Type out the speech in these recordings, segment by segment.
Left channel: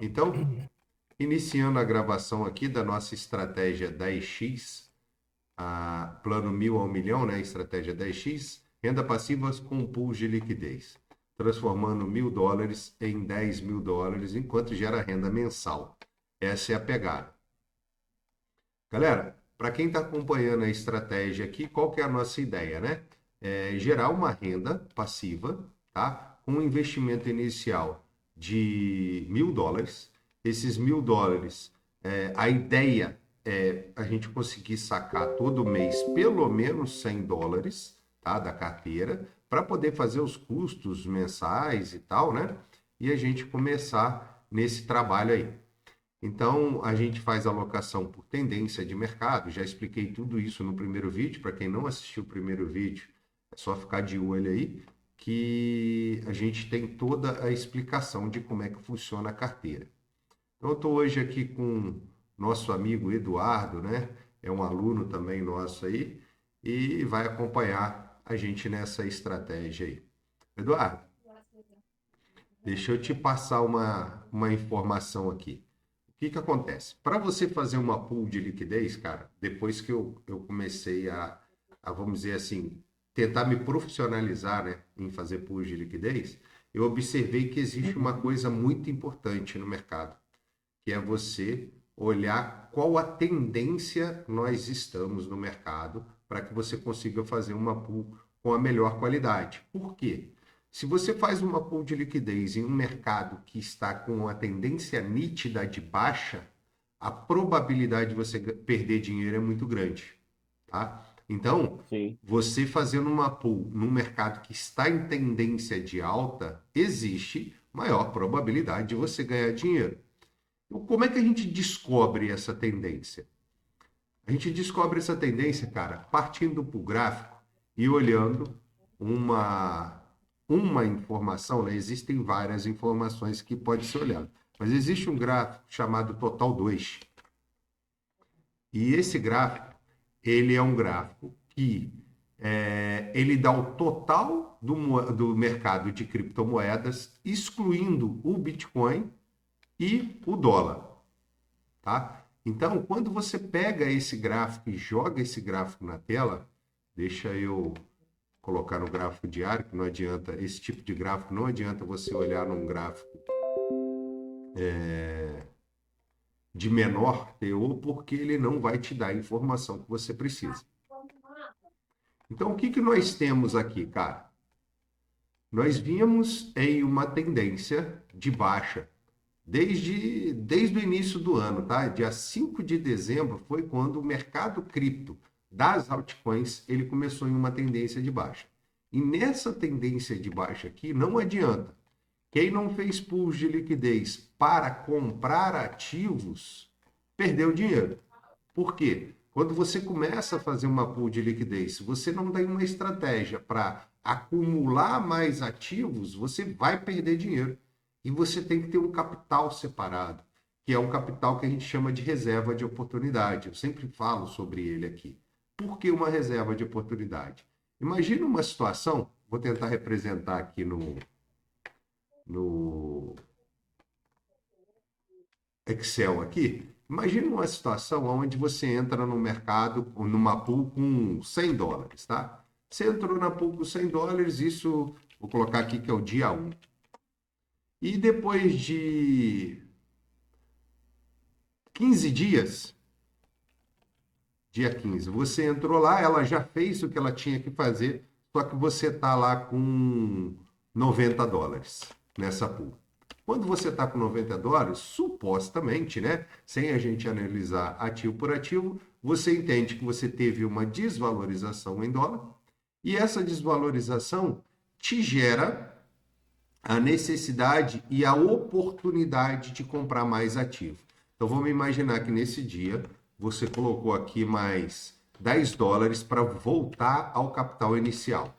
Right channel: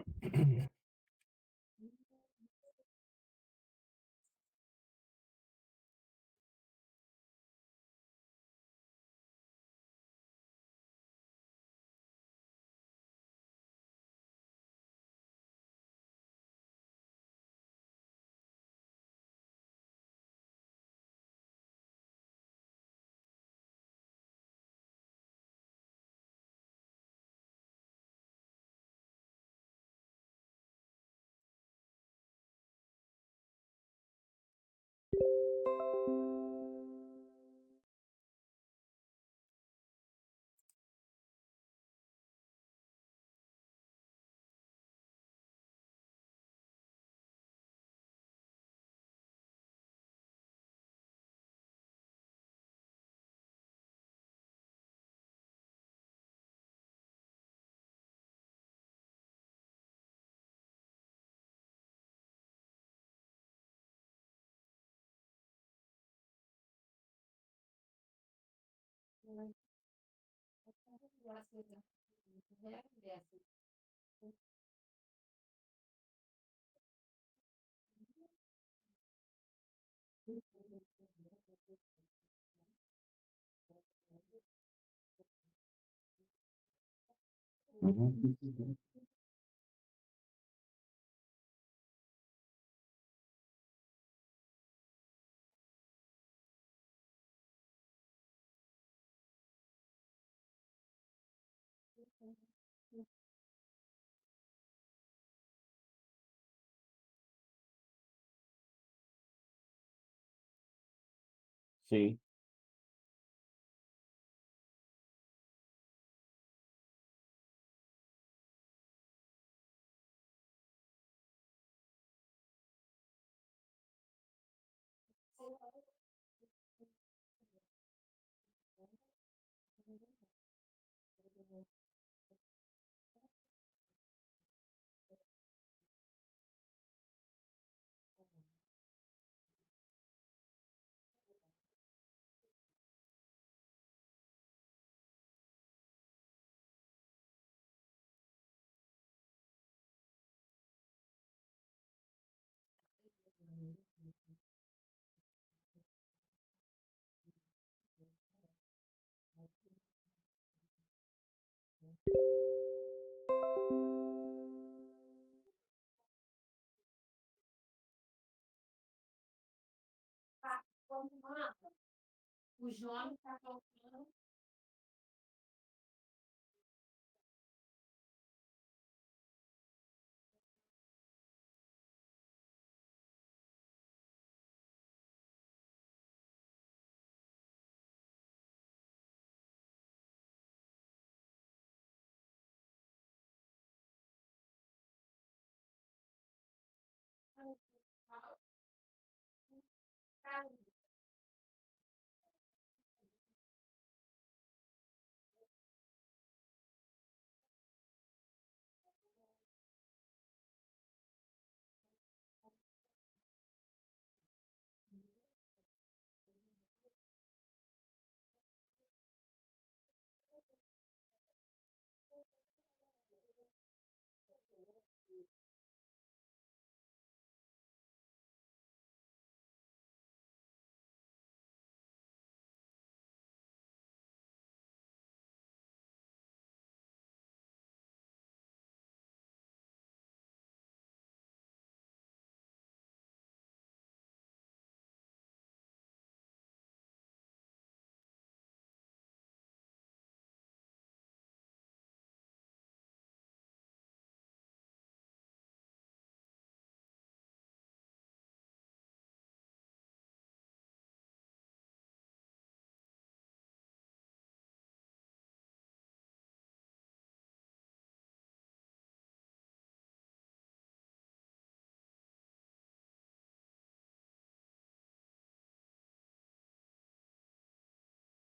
Então, iniciando a gravação aqui da nossa estratégia 10x, plano 1000 ao milhão, né? Estratégia 10x, renda passiva com pools de liquidez, transformando $1.000 em $10.000, enquanto gera renda mensal. Essa é a pegada. Galera, para quem está acompanhando a estratégia aqui, qual que é a nossa ideia, né? É gerar uma renda passiva, tá? Com um investimento inicial de $1.000. Esses $1.000, a ideia é a gente conseguir sacar todo mês pelo menos $100, tá? Da carteira, para poder fazer os custos mensais e tal, né? E a gente começar nesse trabalho aí. Então, a gente faz alocação por tendência de mercado. Já expliquei tudo isso no primeiro vídeo. Para quem não assistiu o primeiro vídeo, é só ficar de olho aí, que a gente tem toda a explicação de como é que funciona a carteira. Então, eu estou hoje aqui com nosso amigo Eduardo, né? É um aluno também nosso aí, e vai acompanhar a gente nessa estratégia aí. Eduardo, deixa eu te passar uma informação aqui. O que acontece? Para você fazer uma pool de liquidez, cara, depois que eu comecei vamos dizer assim, tentar me profissionalizar, né, em fazer pool de liquidez, eu observei que existe uma coisa muito importante no mercado, que é você olhar qual a tendência nós estamos no mercado para que você consiga fazer uma pool com a melhor qualidade. Por quê? Se você faz uma pool de liquidez em um mercado que está com uma tendência nítida de baixa, a probabilidade de você perder dinheiro é muito grande, tá? Então, Sim. você fazendo uma pool num mercado que está em tendência de alta, existe maior probabilidade de você ganhar dinheiro. Então, como é que a gente descobre essa tendência? A gente descobre essa tendência, cara, partindo para o gráfico e olhando uma informação, né? Existem várias informações que pode ser olhado, mas existe um gráfico chamado Total 2. E esse gráfico, ele é um gráfico que ele dá o total do mercado de criptomoedas, excluindo o Bitcoin e o dólar, tá? Então, quando você pega esse gráfico e joga esse gráfico na tela, deixa eu colocar no gráfico diário, que não adianta, esse tipo de gráfico não adianta você olhar num gráfico de menor teor, porque ele não vai te dar a informação que você precisa. Então, o que nós temos aqui, cara? Nós vimos em uma tendência de baixa desde o início do ano, tá? Dia 5 de dezembro foi quando o mercado cripto das altcoins, ele começou em uma tendência de baixa. E nessa tendência de baixa aqui, não adianta. Quem não fez pools de liquidez para comprar ativos, perdeu dinheiro. Por quê? Quando você começa a fazer uma pool de liquidez, se você não tem uma estratégia para acumular mais ativos, você vai perder dinheiro. E você tem que ter um capital separado, que é um capital que a gente chama de reserva de oportunidade. Eu sempre falo sobre ele aqui. Por que uma reserva de oportunidade? Imagina uma situação, vou tentar representar aqui no Excel aqui. Imagina uma situação onde você entra no mercado, numa pool com $100, tá? Você entrou na pool com $100, isso, vou colocar aqui que é o dia 1. E depois de 15 dias, dia 15, você entrou lá, ela já fez o que ela tinha que fazer, só que você está lá com $90 nessa pool. Quando você está com $90, supostamente, né, sem a gente analisar ativo por ativo, você entende que você teve uma desvalorização em dólar e essa desvalorização te gera a necessidade e a oportunidade de comprar mais ativo. Então vamos imaginar que nesse dia você colocou aqui mais $10 para voltar ao capital inicial.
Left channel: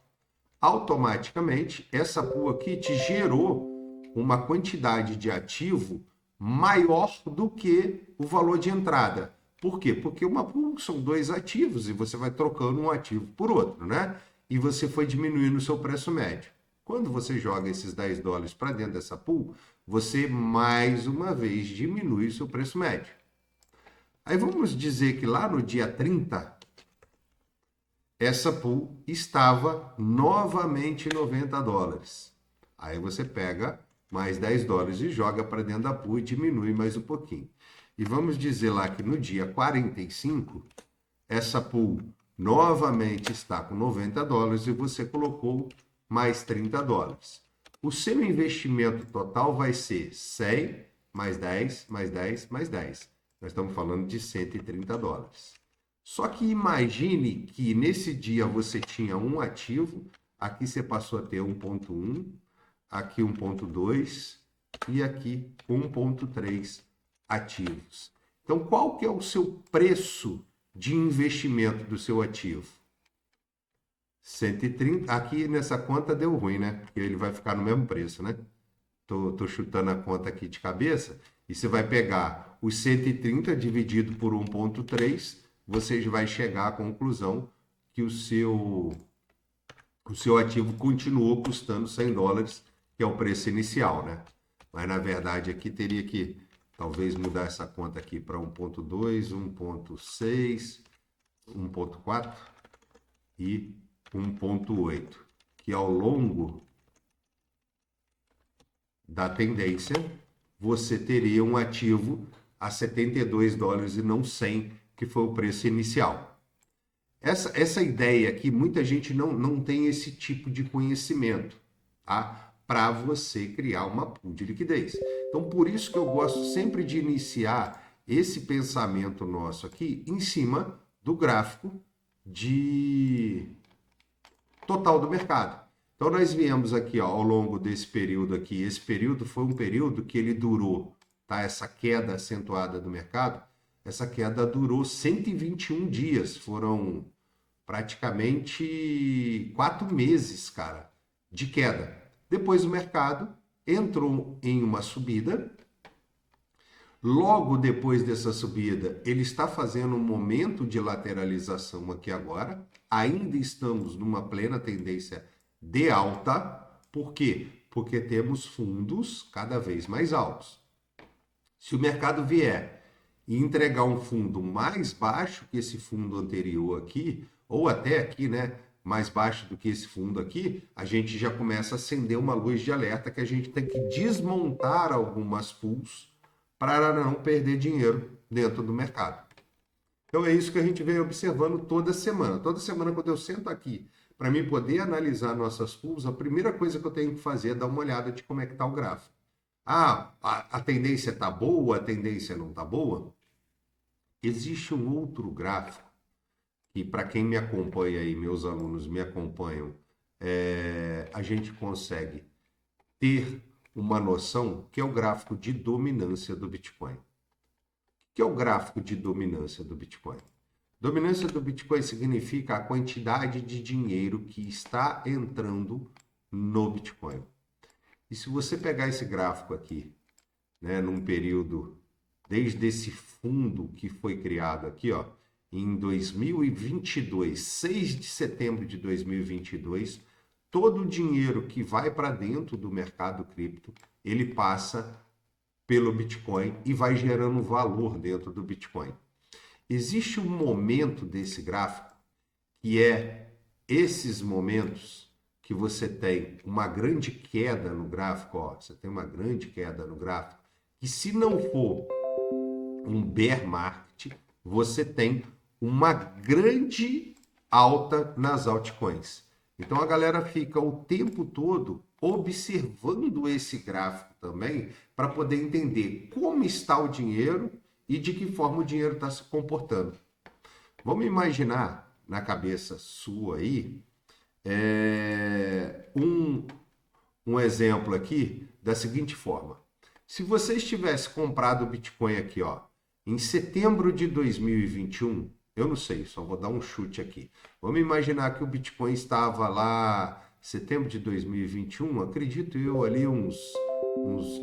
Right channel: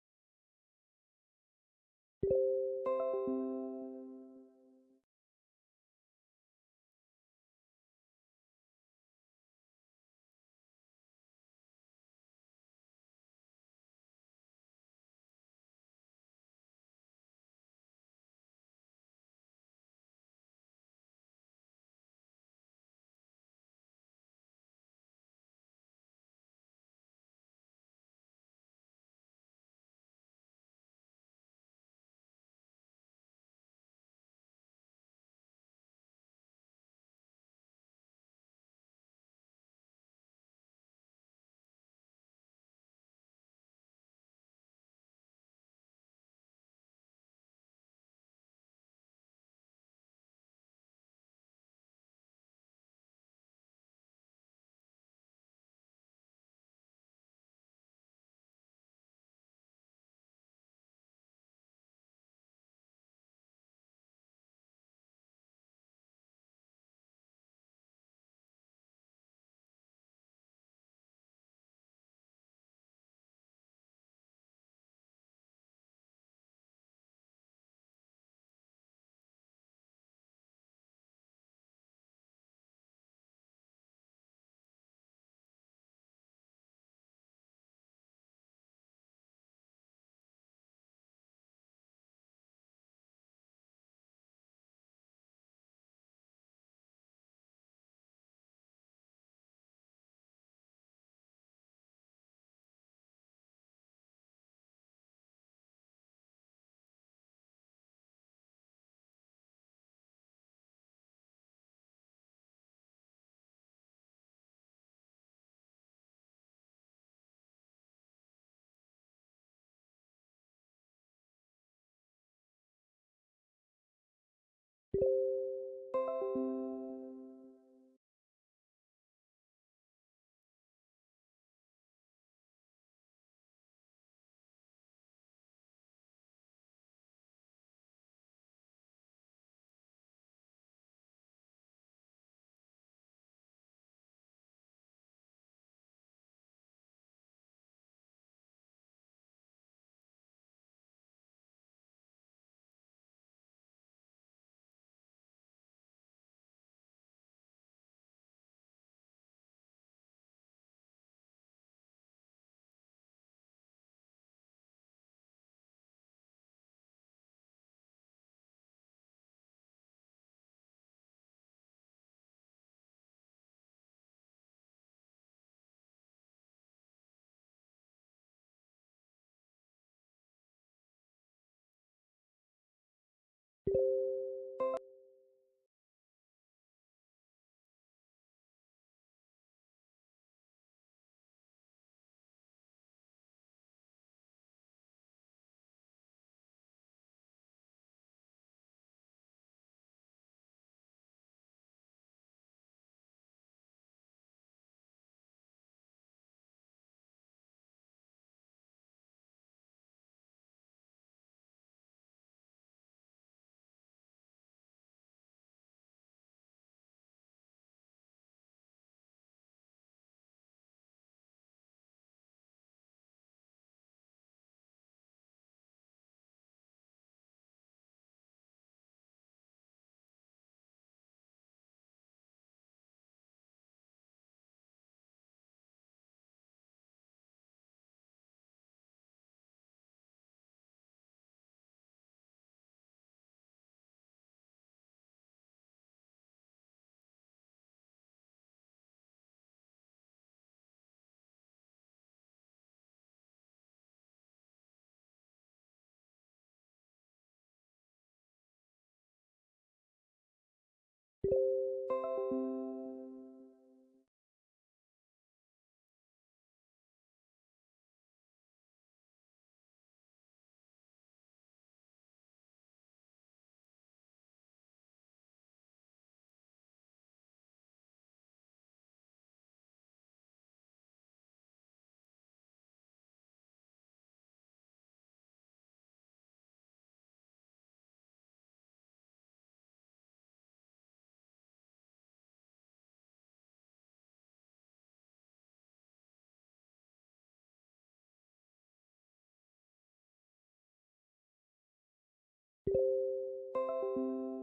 Automaticamente, essa pool aqui te gerou uma quantidade de ativo maior do que o valor de entrada. Por quê? Porque uma pool são dois ativos e você vai trocando um ativo por outro, né? E você foi diminuindo o seu preço médio. Quando você joga esses $10 para dentro dessa pool, você mais uma vez diminui o seu preço médio. Aí vamos dizer que lá no dia 30, essa pool estava novamente em $90. Aí você pega mais $10 e joga para dentro da pool e diminui mais um pouquinho. E vamos dizer lá que no dia 45, essa pool novamente está com $90 e você colocou mais $30. O seu investimento total vai ser 100 mais 10, mais 10, mais 10. Nós estamos falando de $130. Só que imagine que nesse dia você tinha um ativo, aqui você passou a ter 1.1, aqui 1.2 e aqui 1.3 ativos. Então, qual que é o seu preço de investimento do seu ativo? 130. Aqui nessa conta deu ruim, né? Porque ele vai ficar no mesmo preço, né? Tô chutando a conta aqui de cabeça. E você vai pegar os 130 dividido por 1.3, você vai chegar à conclusão que o seu ativo continuou custando $100, que é o preço inicial, né? Mas na verdade aqui teria que talvez mudar essa conta aqui para 1.2, 1.6, 1.4 e 1.8, que ao longo da tendência você teria um ativo a $72 e não 100, que foi o preço inicial. Essa ideia aqui, muita gente não tem esse tipo de conhecimento, tá? Para você criar uma pool de liquidez. Então, por isso que eu gosto sempre de iniciar esse pensamento nosso aqui em cima do gráfico de total do mercado. Então, nós viemos aqui, ó, ao longo desse período aqui. Esse período foi um período que ele durou, tá? Essa queda acentuada do mercado, essa queda durou 121 dias. Foram praticamente 4 meses, cara, de queda. Depois o mercado entrou em uma subida. Logo depois dessa subida, ele está fazendo um momento de lateralização aqui agora. Ainda estamos numa plena tendência de alta. Por quê? Porque temos fundos cada vez mais altos. Se o mercado vier e entregar um fundo mais baixo que esse fundo anterior aqui, ou até aqui, né, mais baixo do que esse fundo aqui, a gente já começa a acender uma luz de alerta que a gente tem que desmontar algumas pools para não perder dinheiro dentro do mercado. Então é isso que a gente vem observando toda semana. Toda semana, quando eu sento aqui para mim poder analisar nossas pools, a primeira coisa que eu tenho que fazer é dar uma olhada de como é que está o gráfico. Ah, a tendência está boa, a tendência não está boa? Existe um outro gráfico que, para quem me acompanha aí, meus alunos me acompanham, a gente consegue ter uma noção, que é o gráfico de dominância do Bitcoin. O que é o gráfico de dominância do Bitcoin? Dominância do Bitcoin significa a quantidade de dinheiro que está entrando no Bitcoin. E se você pegar esse gráfico aqui, né, num período, desde esse fundo que foi criado aqui, ó, em 2022, 6 de setembro de 2022, todo o dinheiro que vai para dentro do mercado cripto, ele passa pelo Bitcoin e vai gerando valor dentro do Bitcoin. Existe um momento desse gráfico que é esses momentos que você tem uma grande queda no gráfico, ó, você tem uma grande queda no gráfico, que se não for um bear market, você tem uma grande alta nas altcoins. Então a galera fica o tempo todo observando esse gráfico também para poder entender como está o dinheiro e de que forma o dinheiro está se comportando. Vamos imaginar na cabeça sua aí um exemplo aqui da seguinte forma. Se você tivesse comprado o Bitcoin aqui, ó, em setembro de 2021, eu não sei, só vou dar um chute aqui. Vamos imaginar que o Bitcoin estava lá setembro de 2021, acredito eu ali uns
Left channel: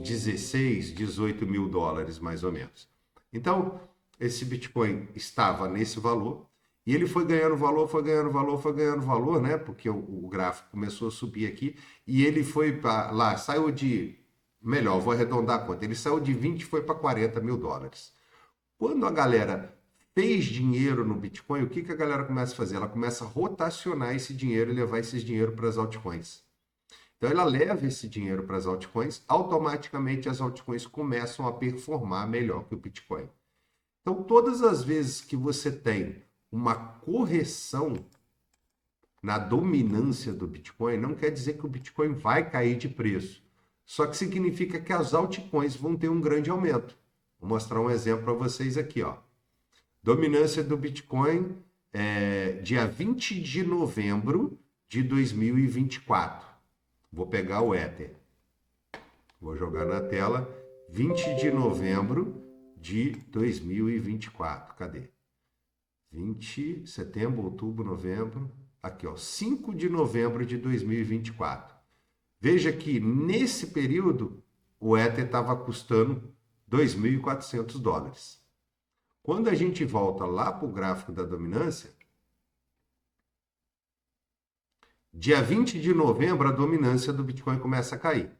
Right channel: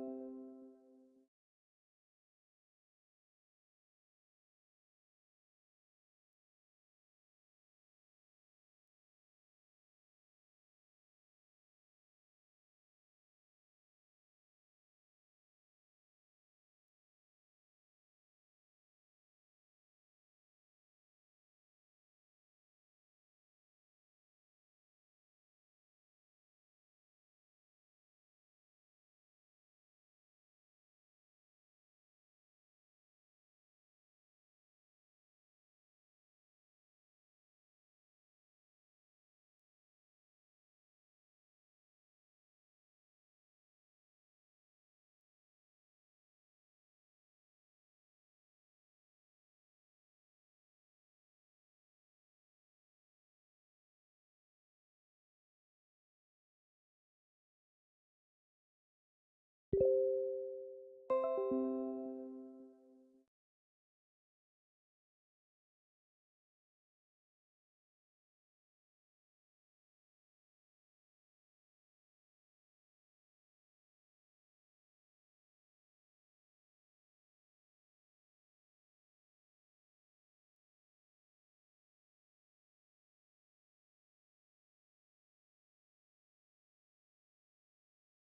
16, 18 mil dólares mais ou menos. Então, esse Bitcoin estava nesse valor e ele foi ganhando valor, foi ganhando valor, foi ganhando valor, né? Porque o gráfico começou a subir aqui e ele foi para lá, saiu de melhor, vou arredondar a conta. Ele saiu de 20 e foi para 40 mil dólares. Quando a galera fez dinheiro no Bitcoin, o que, que a galera começa a fazer? Ela começa a rotacionar esse dinheiro e levar esse dinheiro para as altcoins. Então ela leva esse dinheiro para as altcoins, automaticamente as altcoins começam a performar melhor que o Bitcoin. Então todas as vezes que você tem uma correção na dominância do Bitcoin, não quer dizer que o Bitcoin vai cair de preço. Só que significa que as altcoins vão ter um grande aumento. Vou mostrar um exemplo para vocês aqui, ó. Dominância do Bitcoin dia 20 de novembro de 2024. Vou pegar o Ether. Vou jogar na tela 20 de novembro de 2024. Cadê? 20, setembro, outubro, novembro. Aqui, ó, 5 de novembro de 2024. Veja que nesse período o Ether estava custando 2.400 dólares. Quando a gente volta lá para o gráfico da dominância, dia 20 de novembro a dominância do Bitcoin começa a cair.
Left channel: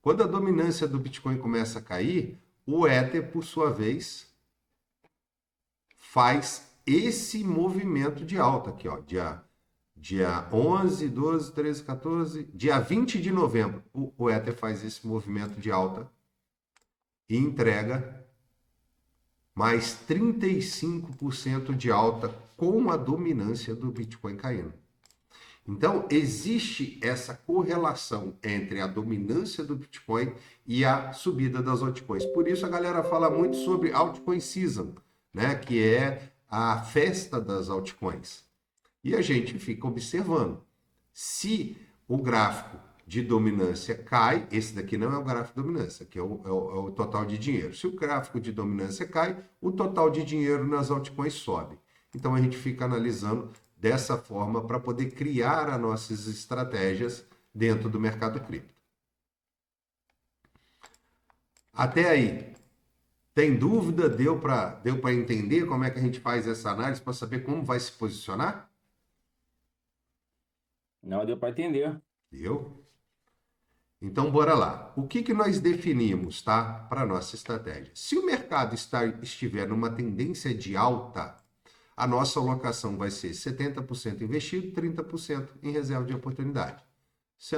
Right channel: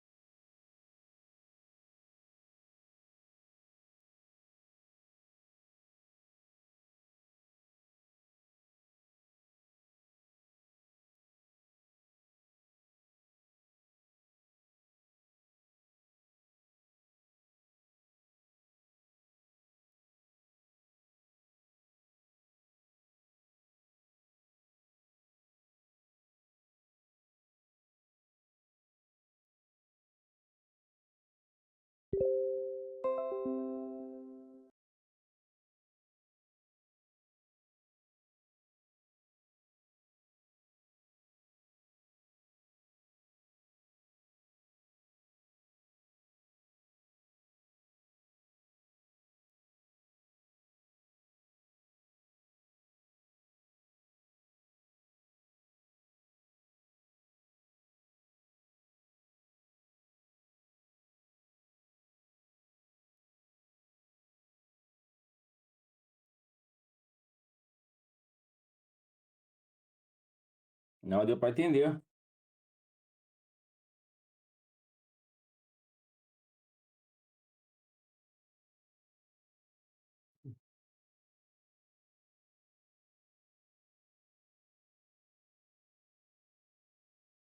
Quando a dominância do Bitcoin começa a cair, o Ether, por sua vez, faz esse movimento de alta aqui, ó, dia 11, 12, 13, 14, dia 20 de novembro, o Ether faz esse movimento de alta e entrega mais 35% de alta com a dominância do Bitcoin caindo. Então, existe essa correlação entre a dominância do Bitcoin e a subida das altcoins. Por isso a galera fala muito sobre altcoin season, né, que é a festa das altcoins. E a gente fica observando. Se o gráfico de dominância cai, esse daqui não é o gráfico de dominância, que é o total de dinheiro. Se o gráfico de dominância cai, o total de dinheiro nas altcoins sobe. Então a gente fica analisando dessa forma para poder criar as nossas estratégias dentro do mercado cripto. Até aí, tem dúvida? Deu para entender como é que a gente faz essa análise para saber como vai se posicionar? Não, deu para entender. Deu? Então, bora lá. O que nós definimos, tá? Para a nossa estratégia. Se o mercado estiver numa tendência de alta, a nossa alocação vai ser 70% investido, 30% em reserva de oportunidade. Se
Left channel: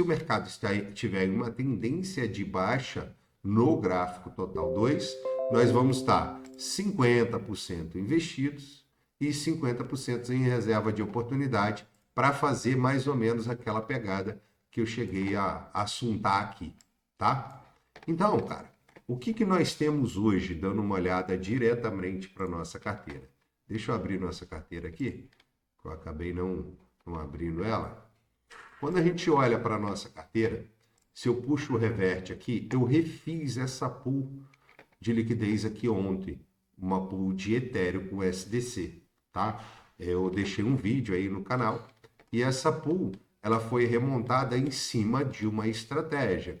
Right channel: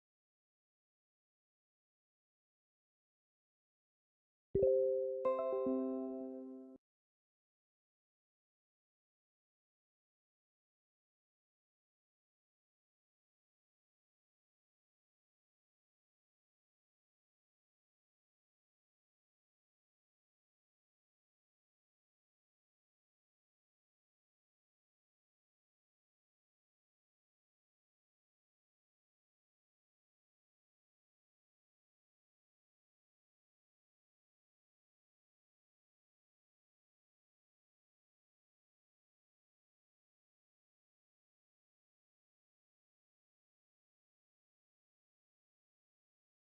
o mercado estiver em uma tendência de baixa no gráfico total 2, nós vamos estar 50% investidos e 50% em reserva de oportunidade para fazer mais ou menos aquela pegada que eu cheguei a assuntar aqui, tá? Então, cara, o que nós temos hoje, dando uma olhada diretamente para a nossa carteira? Deixa eu abrir nossa carteira aqui, que eu acabei não abrindo ela. Quando a gente olha para a nossa carteira, se eu puxo o reverte aqui, eu refiz essa pool de liquidez aqui ontem, uma pool de Ethereum com SDC, tá? Eu deixei um vídeo aí no canal e essa pool ela foi remontada em cima de uma estratégia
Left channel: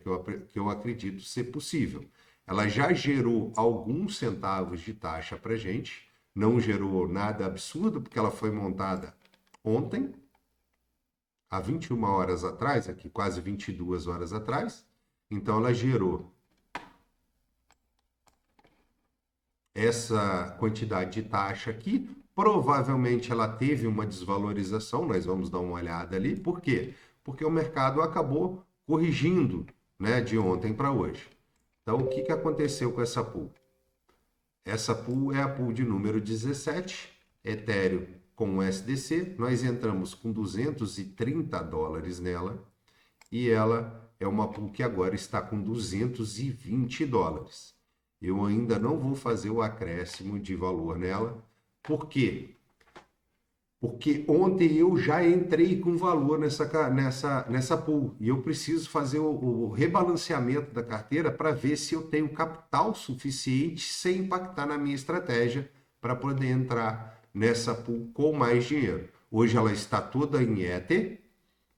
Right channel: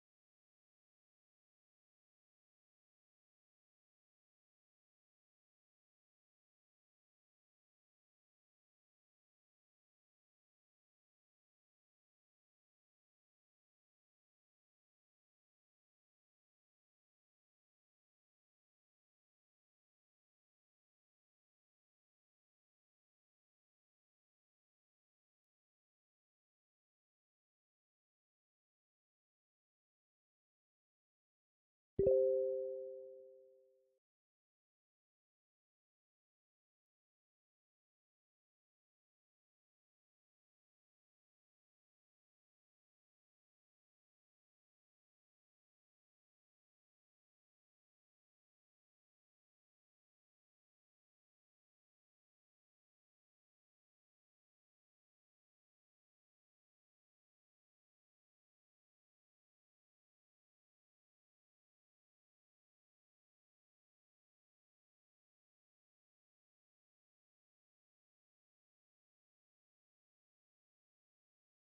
que eu acredito ser possível. Ela já gerou alguns centavos de taxa para gente, não gerou nada absurdo, porque ela foi montada ontem, há 21 horas atrás, aqui quase 22 horas atrás. Então ela gerou essa quantidade de taxa aqui. Provavelmente ela teve uma desvalorização, nós vamos dar uma olhada ali. Por quê? Porque o mercado acabou corrigindo, né, de ontem para hoje. Então, o que aconteceu com essa pool? Essa pool é a pool de número 17, Ethereum com o SDC. Nós entramos com 230 dólares nela e ela é uma pool que agora está com 220 dólares. Eu ainda não vou fazer o acréscimo de valor nela. Por quê? Porque ontem eu já entrei com valor nessa pool e eu preciso fazer o rebalanceamento da carteira para ver se eu tenho capital suficiente sem impactar na minha estratégia para poder entrar nessa pool com mais dinheiro. Hoje ela está toda em Ether,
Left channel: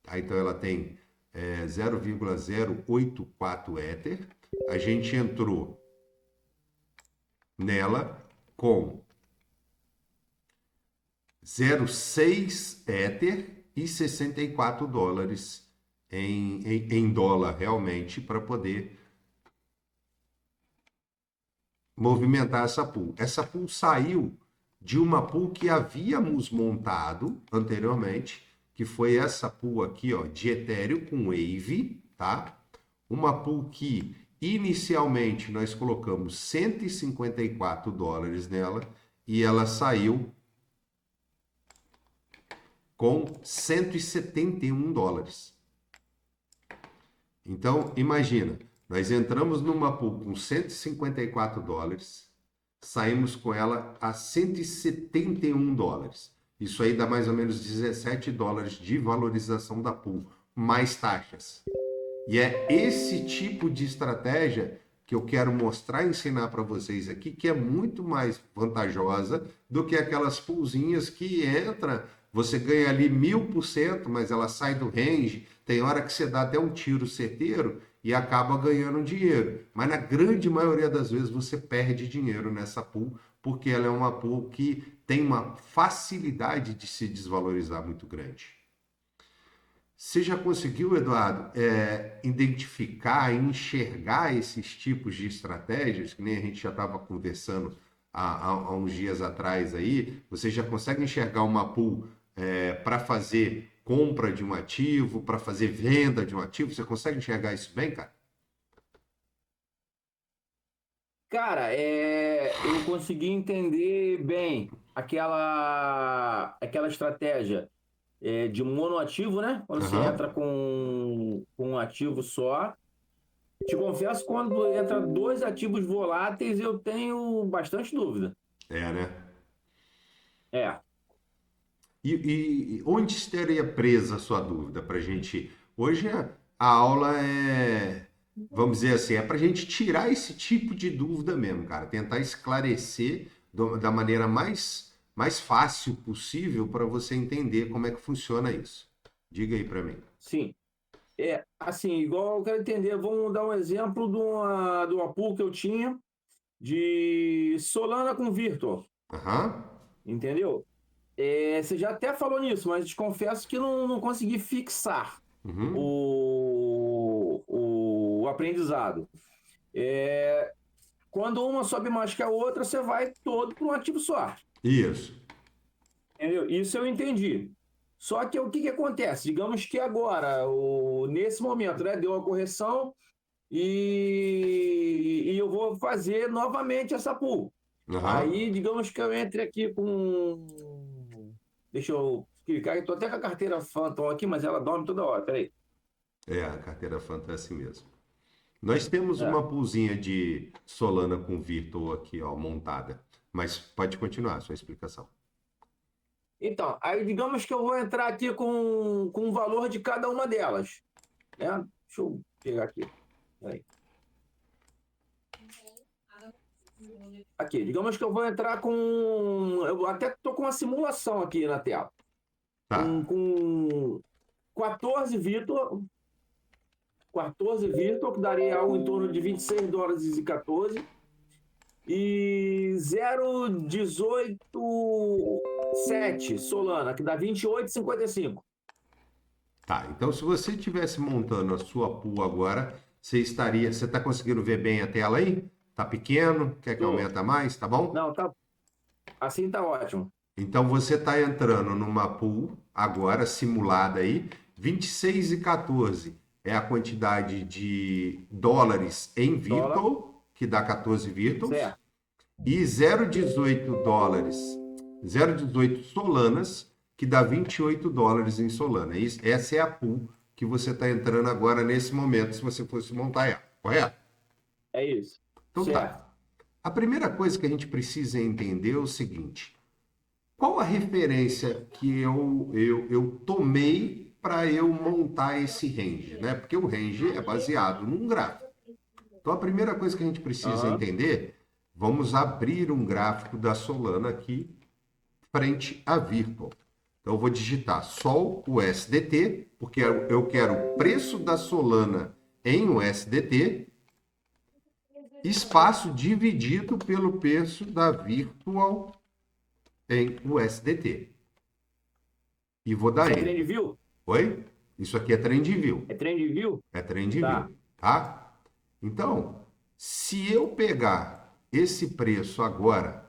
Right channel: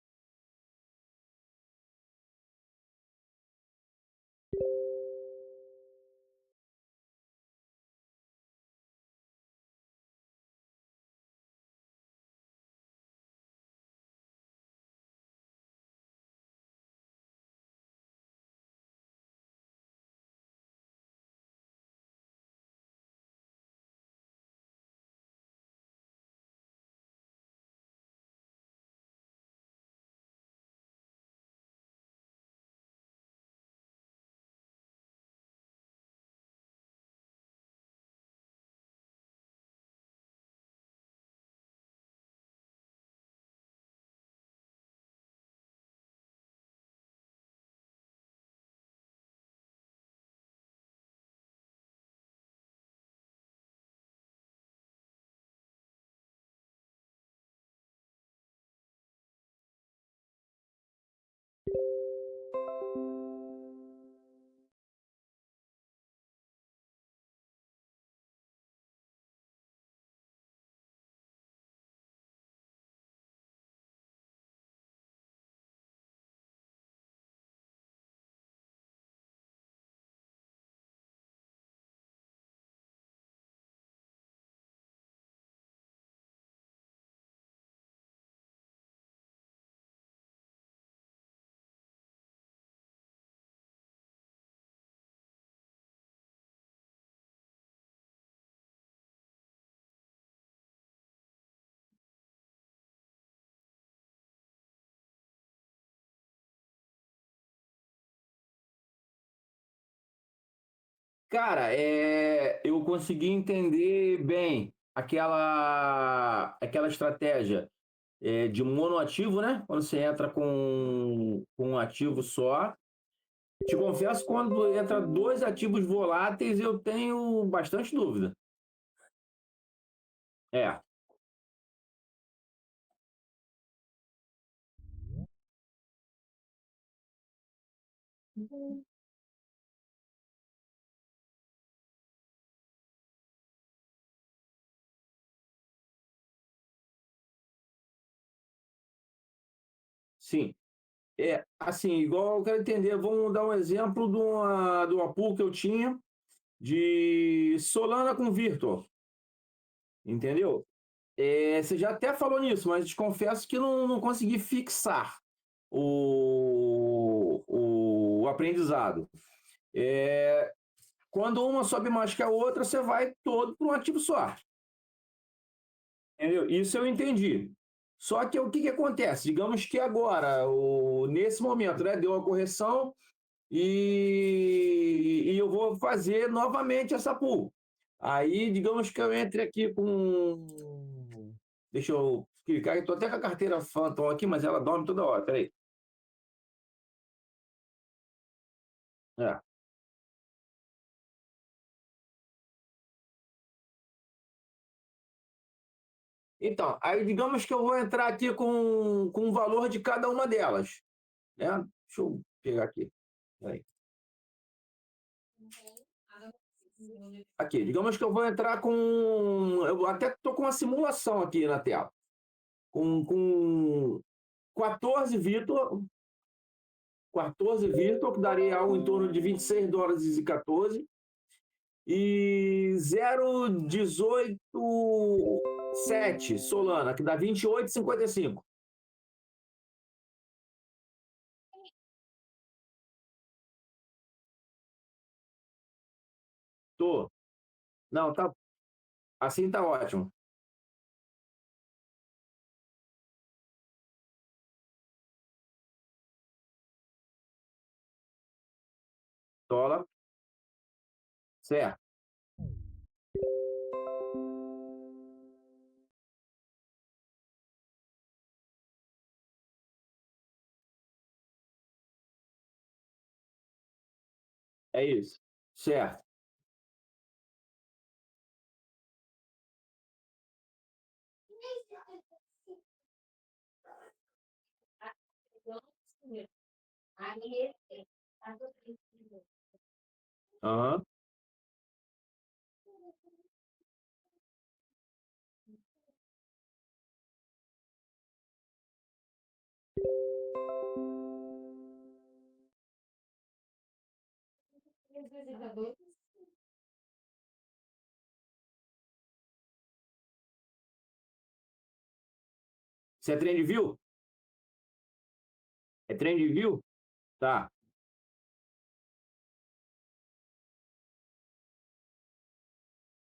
tá? Então ela tem 0,084 Ether. A gente entrou nela com 0,6 Ether e 64 dólares em dólar realmente para poder movimentar essa pool. Essa pool saiu de uma pool que havíamos montado anteriormente, que foi essa pool aqui, ó, de Ethereum com Wave, tá? Uma pool que inicialmente nós colocamos 154 dólares nela e ela saiu com 171 dólares. Então, imagina, nós entramos numa pool com 154 dólares, saímos com ela a 171 dólares. Isso aí dá mais ou menos 17 dólares de valorização da pool, mais taxas. E é esse tipo de estratégia que eu quero mostrar e ensinar para vocês aqui, que é muito mais vantajosa do que aquelas poolzinhas que entra, você ganha ali 1000%, mas ela sai do range, tem hora que você dá até um tiro certeiro e acaba ganhando dinheiro. Mas na grande maioria das vezes você perde dinheiro nessa pool, porque ela é uma pool que tem uma facilidade de se desvalorizar muito grande. Você já conseguiu, Eduardo, identificar e enxergar esses tipos de estratégias, que nem a gente já estava conversando há uns dias atrás aí? Você já consegue enxergar uma pool para fazer compra de um ativo, para fazer venda de um ativo? Você consegue enxergar isso bem, cara? Cara, eu consegui entender bem aquela estratégia de monoativo, né? Quando você Aham. entra com um ativo só. Te confesso, quando entra dois ativos voláteis, eu tenho bastante dúvida. É, né? É, E onde estaria presa a sua dúvida para a gente? Hoje a aula vamos dizer assim, é para a gente tirar esse tipo de dúvida mesmo, cara. Tentar esclarecer da maneira mais fácil possível para você entender como é que funciona isso. Diga aí para mim. sim. Assim, igual eu quero entender, vamos dar um exemplo de uma pool que eu tinha de Solana com Virtual, Aham. entendeu? Você já até falou nisso, mas te confesso que não consegui fixar Uhum. o aprendizado. Quando uma sobe mais que a outra, você vai todo para um ativo só. Isso. Entendeu? Isso eu entendi. Só que o que que acontece? Digamos que agora, nesse momento, né, deu uma correção e eu vou fazer novamente essa pool. Aham. Aí, digamos que eu entre aqui com. Deixa eu clicar, estou até com a carteira Phantom aqui, mas ela dorme toda hora. Peraí. É, a carteira Fanta é assim mesmo. Nós temos É. uma poolzinha de Solana com Virtual aqui, ó, montada. Mas pode continuar a sua explicação. Então, aí digamos que eu vou entrar aqui com o valor de cada uma delas. Né? Deixa eu pegar aqui. Peraí. Aqui, digamos que eu vou entrar com. Eu até estou com uma simulação aqui na tela. Tá. Com 14 Vitor, 14 Vitor, que daria algo em torno de 26 dólares e 14. E 0,18,7 Solana, que dá 28,55. Tá. Então, se você estivesse montando a sua pool agora, você estaria. Você está conseguindo ver bem a tela aí? Tá pequeno? Quer que Tô. aumenta mais? Tá bom? Não, tá. Assim tá ótimo. Então, você está entrando numa pool agora simulada aí, 26,14 é a quantidade de dólares em Dólar, Virtual, que dá 14 Virtuals. certo. E 0,18 dólares, 0,18 Solanas, que dá 28 dólares em Solana. Essa é a pool que você está entrando agora nesse momento, se você fosse montar ela, correto? É isso. Então tá. Certo. A primeira coisa que a gente precisa entender é o seguinte: qual a referência que eu tomei para eu montar esse range, né? Porque o range é baseado num gráfico. Então, a primeira coisa que a gente precisa Aham. entender, vamos abrir um gráfico da Solana aqui, frente à Virtual. Então, eu vou digitar Sol USDT, porque eu quero o preço da Solana em USDT, espaço dividido pelo preço da Virtual em USDT. E vou dar Você é Enter. TradingView? Oi? Isso aqui é TrendView. É TrendView? É TrendView, Tá. tá? Então, se eu pegar esse preço agora,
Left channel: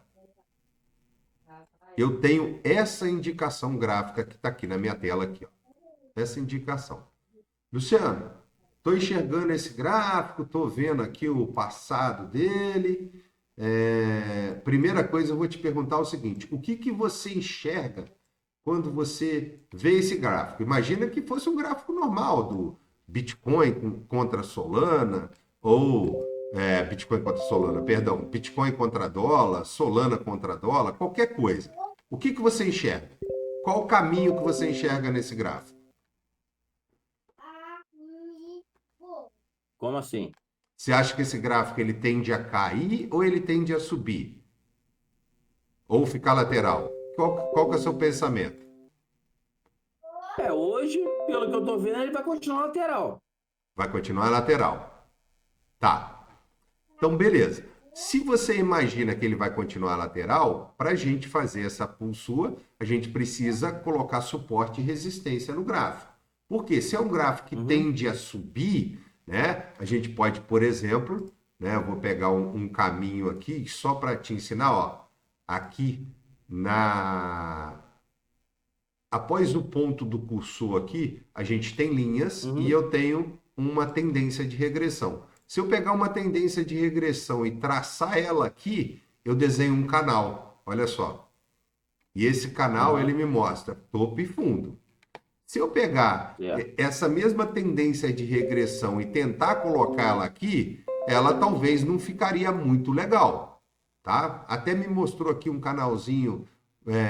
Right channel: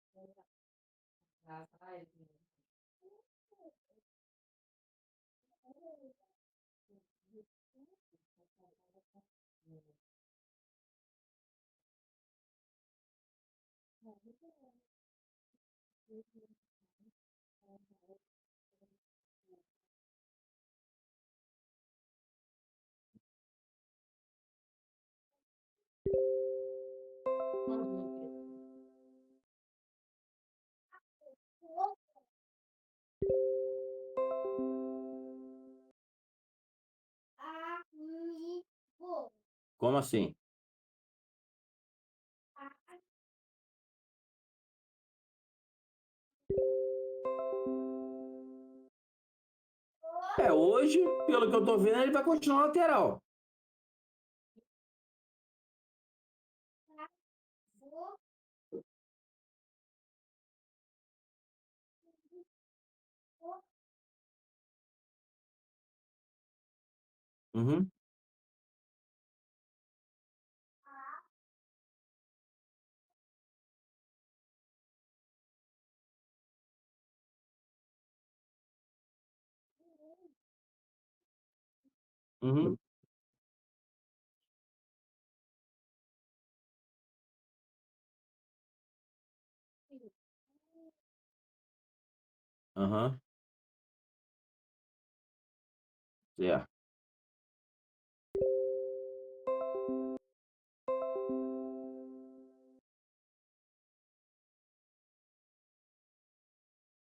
eu tenho essa indicação gráfica que está aqui na minha tela aqui, ó. Essa indicação. Luciano, estou enxergando esse gráfico, estou vendo aqui o passado dele. Primeira coisa, eu vou te perguntar o seguinte: o que você enxerga quando você vê esse gráfico? Imagina que fosse um gráfico normal do Bitcoin contra Solana, ou Bitcoin contra Solana, perdão, Bitcoin contra dólar, Solana contra dólar, qualquer coisa. O que você enxerga? Qual o caminho que você enxerga nesse gráfico? Como assim? Você acha que esse gráfico ele tende a cair ou ele tende a subir? Ou ficar lateral? Qual que é o seu pensamento? Hoje, pelo que eu tô vendo, ele vai continuar lateral. Vai continuar lateral. Tá. Então, beleza. Se você imagina que ele vai continuar lateral, para a gente fazer essa pull sua, a gente precisa colocar suporte e resistência no gráfico. Porque se é um gráfico que tende a subir, né, a gente pode, por exemplo, né, eu vou pegar um caminho aqui só para te ensinar, ó, aqui após o ponto do cursor aqui, a gente tem linhas e eu tenho uma tendência de regressão. Se eu pegar uma tendência de regressão e traçar ela aqui, eu desenho um canal. Olha só. E esse canal ele me mostra topo e fundo. Se eu pegar essa mesma tendência de regressão e tentar colocá-la aqui, ela talvez não ficaria muito legal, tá? Até me mostrou aqui um canalzinho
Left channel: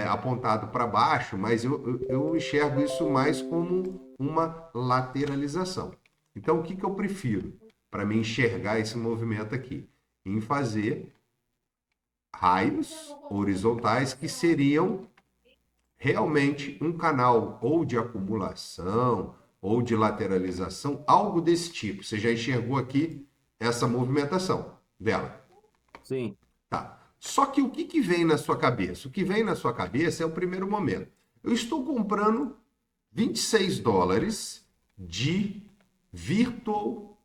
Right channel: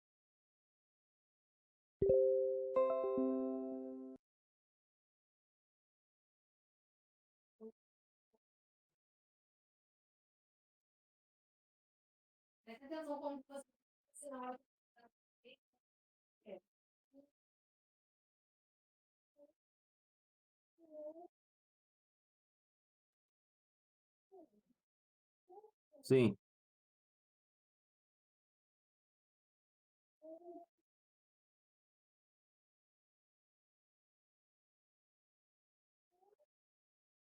apontado para baixo, mas eu enxergo isso mais como uma lateralização. Então, o que eu prefiro para me enxergar esse movimento aqui? Em fazer raios horizontais que seriam realmente um canal ou de acumulação ou de lateralização, algo desse tipo. Você já enxergou aqui essa movimentação dela? Sim. Tá. Só que o que vem na sua cabeça? O que vem na sua cabeça é o primeiro momento. Eu estou comprando 26 dólares de Virtual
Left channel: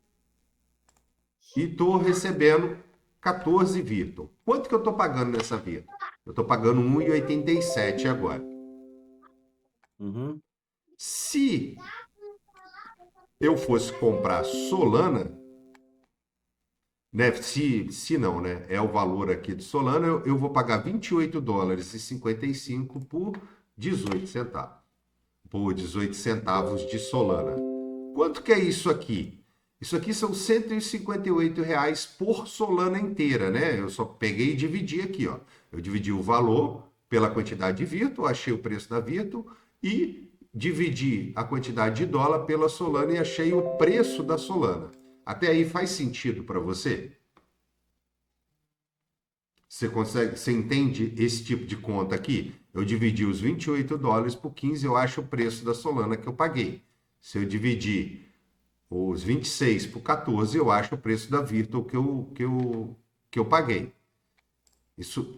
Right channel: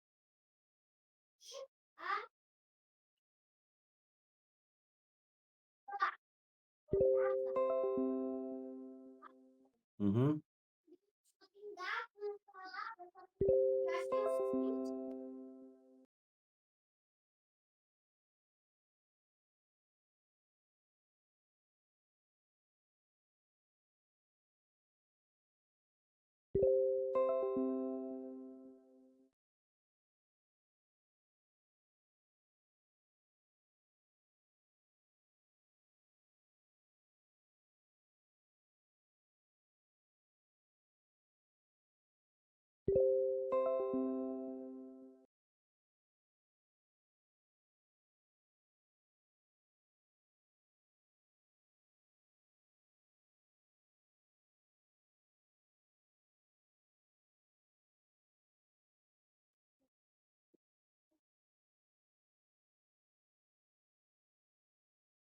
e estou recebendo 14 Virtual. Quanto que eu estou pagando nessa Virtual? Eu estou pagando 1,87 agora. Se eu fosse comprar Solana, né? Se não, né? É o valor aqui de Solana, eu vou pagar 28 dólares e 55 por 18 centavos. Por 18 centavos de Solana. Quanto que é isso aqui? Isso aqui são 158 reais por Solana inteira, né? Eu só peguei e dividi aqui, ó. Eu dividi o valor pela quantidade de Virtual, achei o preço da Virtual e dividi a quantidade de dólar pela Solana e achei o preço da Solana. Até aí faz sentido para você? Você entende esse tipo de conta aqui? Eu dividi os 28 dólares por 15, eu acho o preço da Solana que eu paguei. Se eu dividir os 26 por 14, eu acho o preço da Virtual que eu paguei. Isso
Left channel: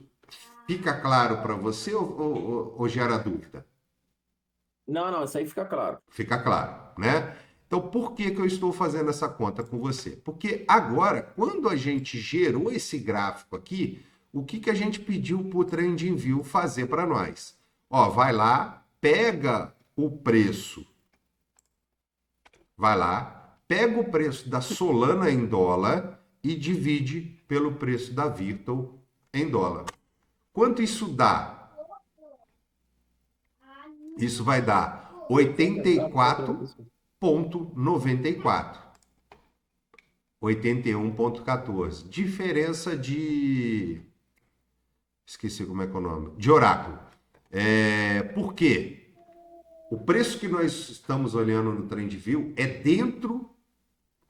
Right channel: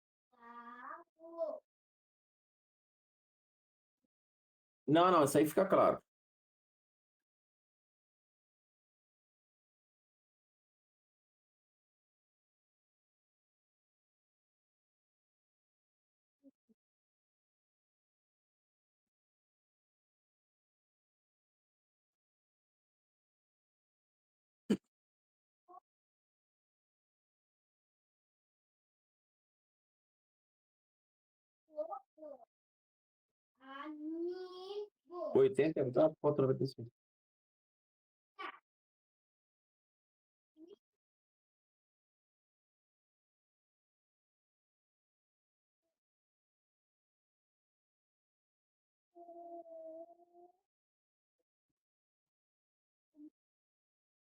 fica claro para você ou gera dúvida? Não, isso aí fica claro. Fica claro, né? Então, por que eu estou fazendo essa conta com você? Porque agora, quando a gente gerou esse gráfico aqui, o que a gente pediu para o TrendView fazer para nós? Ó, vai lá, pega o preço, vai lá, pega o preço da Solana em dólar e divide pelo preço da Virtual em dólar. Quanto isso dá? Isso vai dar 84,94. 81,14. Diferença de... Esqueci como é que é o nome. De oráculo. Por quê? O preço que nós estamos olhando no TrendView é dentro,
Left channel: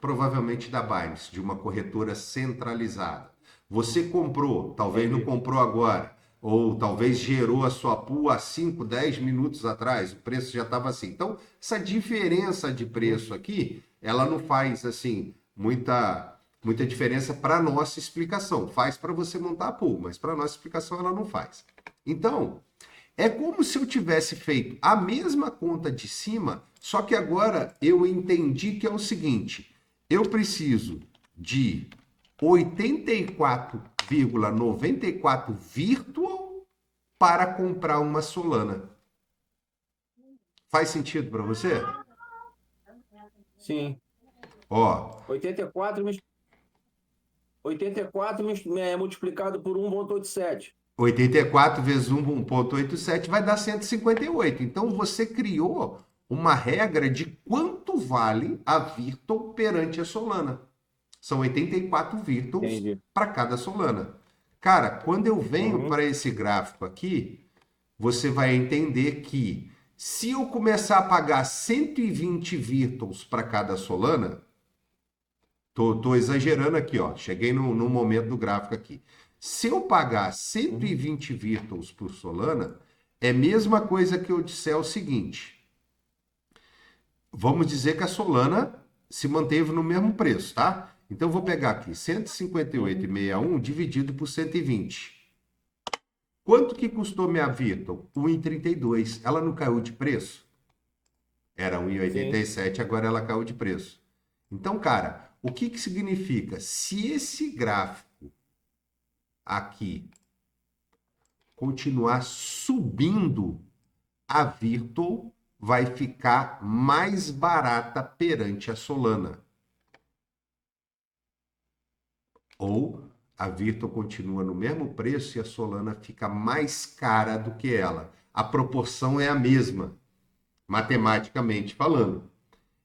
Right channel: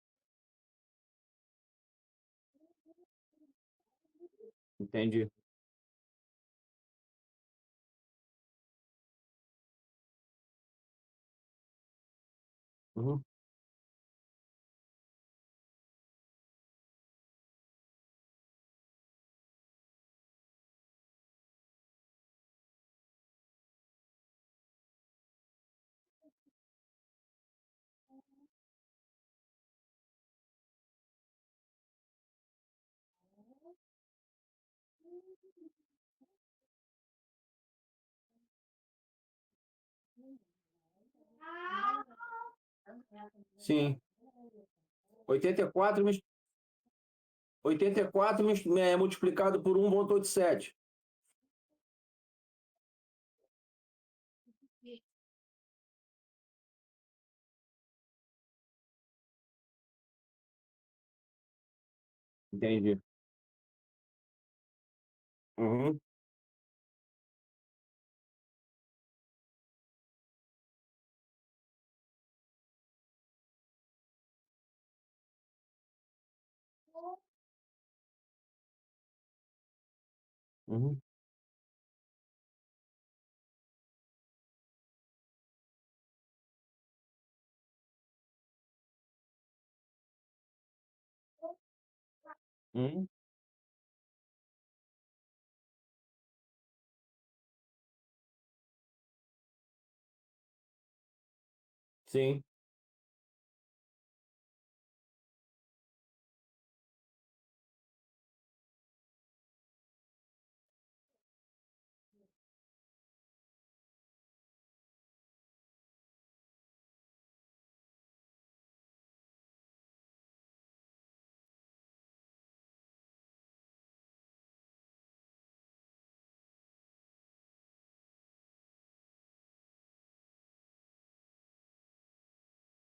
provavelmente, da Binance, de uma corretora centralizada. Você comprou, talvez não comprou agora, ou talvez gerou a sua pool há 5, 10 minutos atrás, o preço já estava assim. Então, essa diferença de preço aqui, ela não faz assim muita diferença para a nossa explicação. Faz para você montar a pool, mas para a nossa explicação ela não faz. Então, É como se eu tivesse feito a mesma conta de cima, só que agora eu entendi que é o seguinte: eu preciso de 84,94 virtual para comprar uma Solana. Faz sentido para você? Sim. Ó, 84 multiplicado por 1,87. 84 vezes 1,87 vai dar 158. Então você criou uma regra de quanto vale a Virtual perante a Solana. São 84 Virtuals Entendi. para cada Solana. Cara, quando eu venho Uhum. para esse gráfico aqui, você vai entender que se eu começar a pagar 120 Virtuals para cada Solana, tô exagerando aqui, ó. Cheguei no momento do gráfico aqui. Se eu pagar Uhum. 120 Virtuals por Solana, é a mesma coisa que eu disser o seguinte. Vamos dizer que a Solana se manteve no mesmo preço, tá? Então, eu vou pegar aqui Uhum. 158,61 dividido por 120. Quanto que custou minha Virtual? 1,32. Ela não caiu de preço? Era Sim. 1,87, agora ela caiu de preço. Então, cara, o que que significa? Se esse gráfico aqui continuar subindo, a Virtual vai ficar mais barata perante a Solana. Ou a Virtual continua no mesmo preço e a Solana fica mais cara do que ela. A proporção é a mesma, matematicamente falando.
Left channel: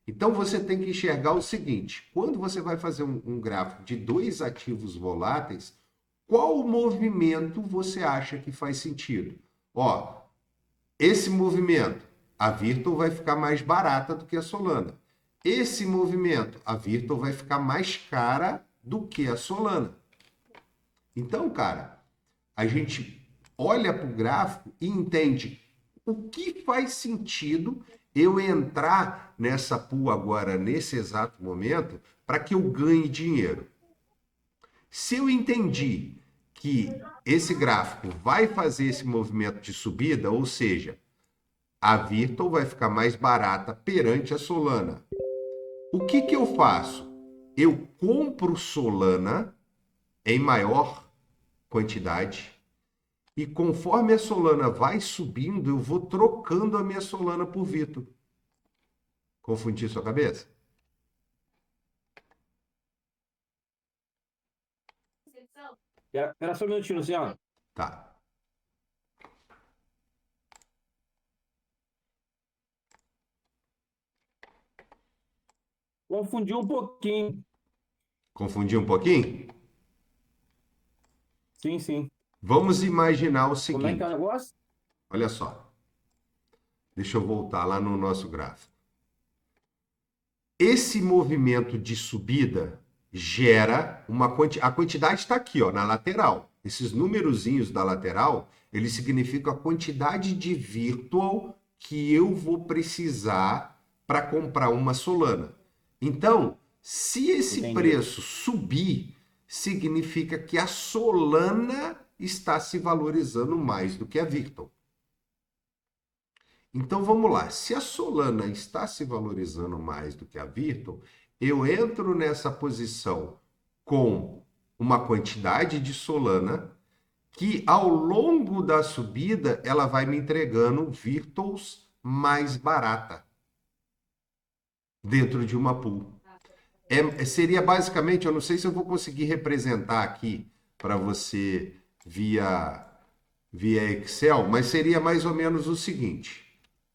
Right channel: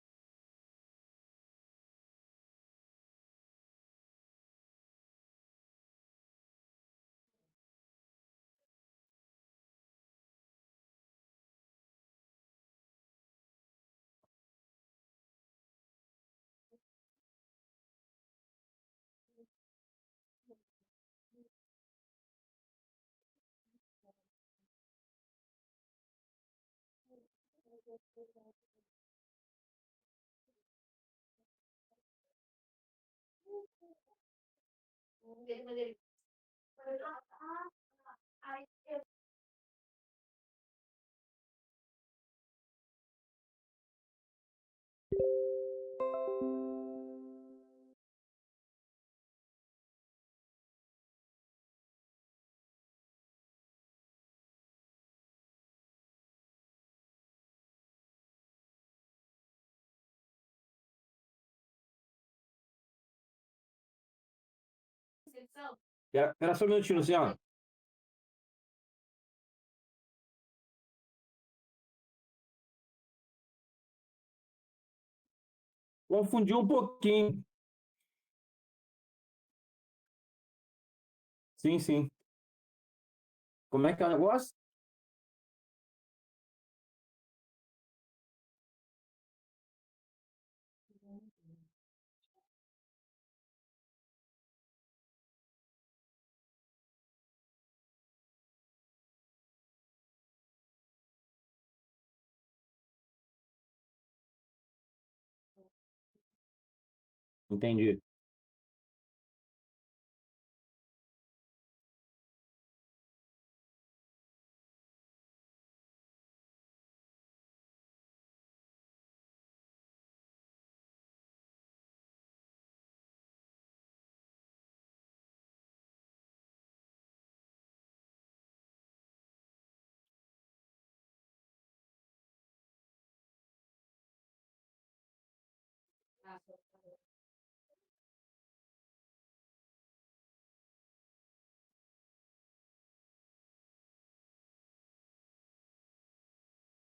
Então você tem que enxergar o seguinte: quando você vai fazer um gráfico de dois ativos voláteis, qual movimento você acha que faz sentido? Ó, esse movimento, a Virtual vai ficar mais barata do que a Solana. Esse movimento, a Virtual vai ficar mais cara do que a Solana. Então, cara, a gente olha para o gráfico e entende o que faz sentido eu entrar nessa pool agora, nesse exato momento, para que eu ganhe dinheiro. Se eu entendi que esse gráfico vai fazer esse movimento de subida, ou seja, a Virtual vai ficar mais barata perante a Solana. O que que eu faço? Eu compro Solana em maior quantidade e conforme a Solana vai subindo, eu vou trocando a minha Solana por Virtual. Confundi sua cabeça? Era só um minutinho, Luciano. Tá. Confundiu um pouquinho. Confundi um pouquinho? Sim, sim. Vamos imaginar o Como é que é o seguinte. negócio? Olha só. Deixa eu voltar lá no nosso gráfico. Esse movimento de subida gera uma quantidade. A quantidade está aqui, ó, na lateral. Esses numerozinhos da lateral, eles significam a quantidade de virtual que eu vou precisar para comprar uma Solana. Então, se esse Entendi. preço subir, significa que a Solana está se valorizando mais do que a Virtual. Então vamos lá, se a Solana está se valorizando mais do que a Virtual, eu entro nessa posição com uma quantidade de Solana que ao longo da subida ela vai me entregando Virtuals mais barata dentro de uma pool. Seria basicamente, eu não sei se eu vou conseguir representar aqui para você via Excel, mas seria mais ou menos o seguinte.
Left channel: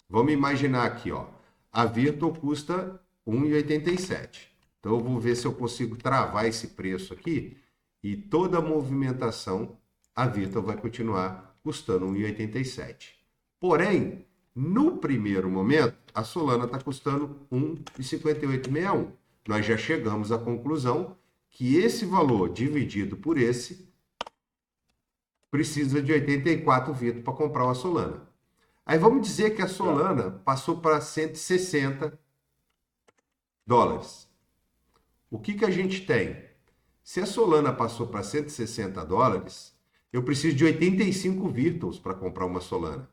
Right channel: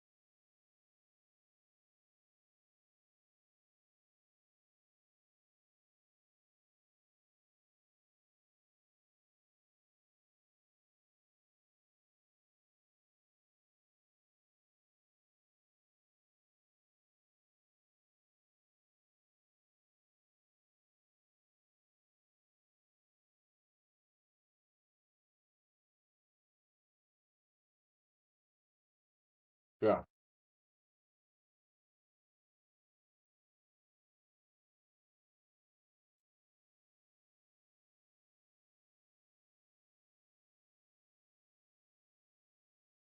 Vamos imaginar aqui, ó. A Virtual custa 1,87. Então eu vou ver se eu consigo travar esse preço aqui e toda a movimentação a Virtual vai continuar custando 1,87. Porém, no primeiro momento, a Solana está custando 1,5861. Nós já chegamos à conclusão que esse valor dividido por esse precisa de 84 Virtual para comprar uma Solana. Aí vamos dizer que a Já. Solana passou para 160 dólares. O que que a gente tem? Se a Solana passou para 160 dólares, eu preciso de 85 Virtuals para comprar uma Solana.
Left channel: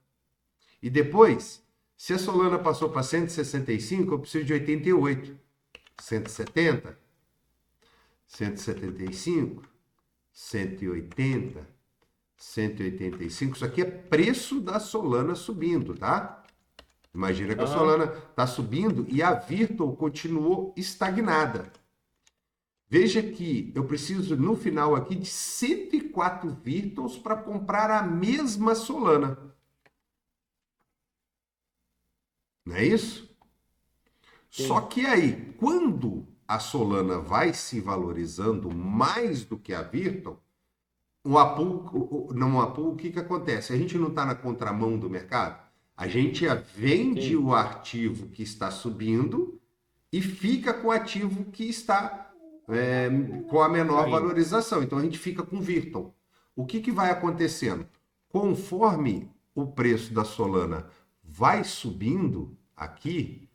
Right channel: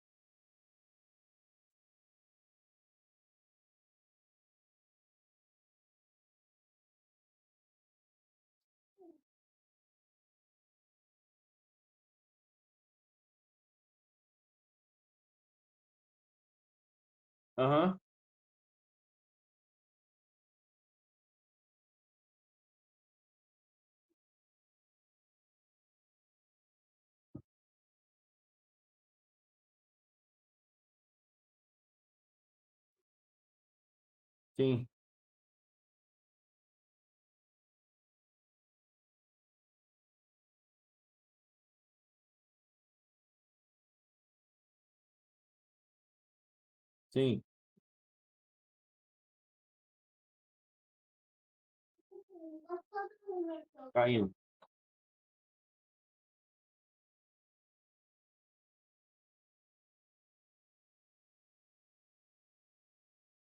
E depois, se a Solana passou para 165, eu preciso de 88. 170, 175, 180, 185. Isso aqui é preço da Solana subindo, tá? Imagina que a Solana está subindo e a Virtual continuou estagnada. Veja que eu preciso, no final aqui, de 104 Virtuals para comprar a mesma Solana. Não é isso? Sim. Só que aí, quando a Solana vai se valorizando mais do que a Virtual, o que acontece? A gente não está na contramão do mercado? A gente vende Sim. o ativo que está subindo e fica com o ativo que está com a menor Caindo. valorização. Então a gente fica com Virtual. O que vai acontecendo? Conforme o preço da Solana vai subindo aqui,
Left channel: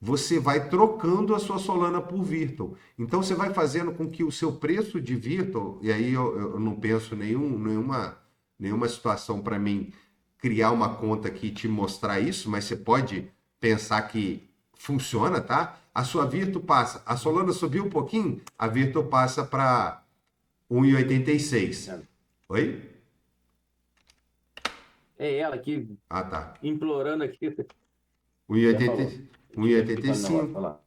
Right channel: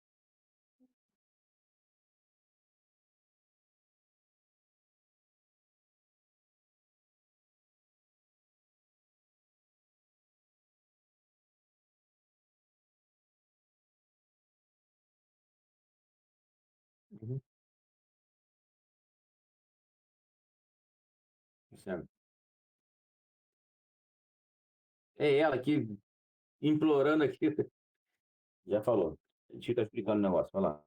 você vai trocando a sua Solana por Virtual. Então você vai fazendo com que o seu preço de Virtual, e aí eu não penso nenhuma situação para mim criar uma conta aqui e te mostrar isso, mas você pode pensar que funciona, tá? A sua Virtual passa, a Solana subiu um pouquinho, a Virtual passa para 1,86. Oi? É ela aqui Ah, tá. implorando aqui. Já falou. 1,85,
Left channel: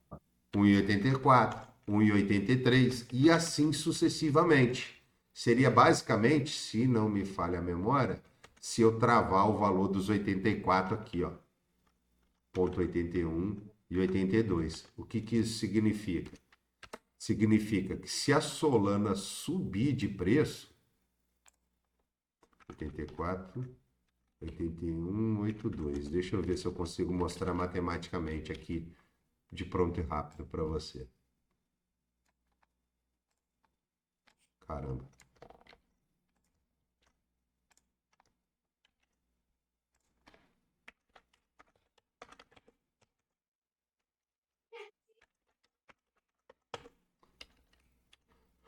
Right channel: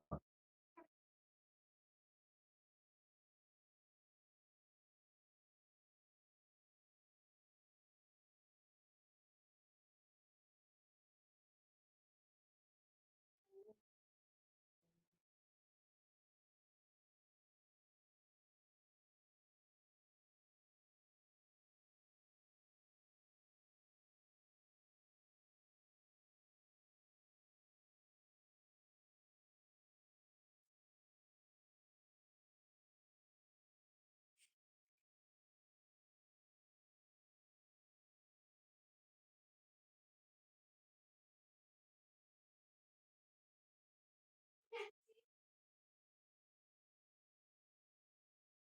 1,84, 1,83 e assim sucessivamente. Seria basicamente, se não me falha a memória, se eu travar o valor dos 84 aqui, ó, ponto 81 e 82. O que isso significa? Significa que se a Solana subir de preço, 84, 81, 82. Deixa eu ver se eu consigo mostrar matematicamente aqui de pronto e rápido para você. Caramba.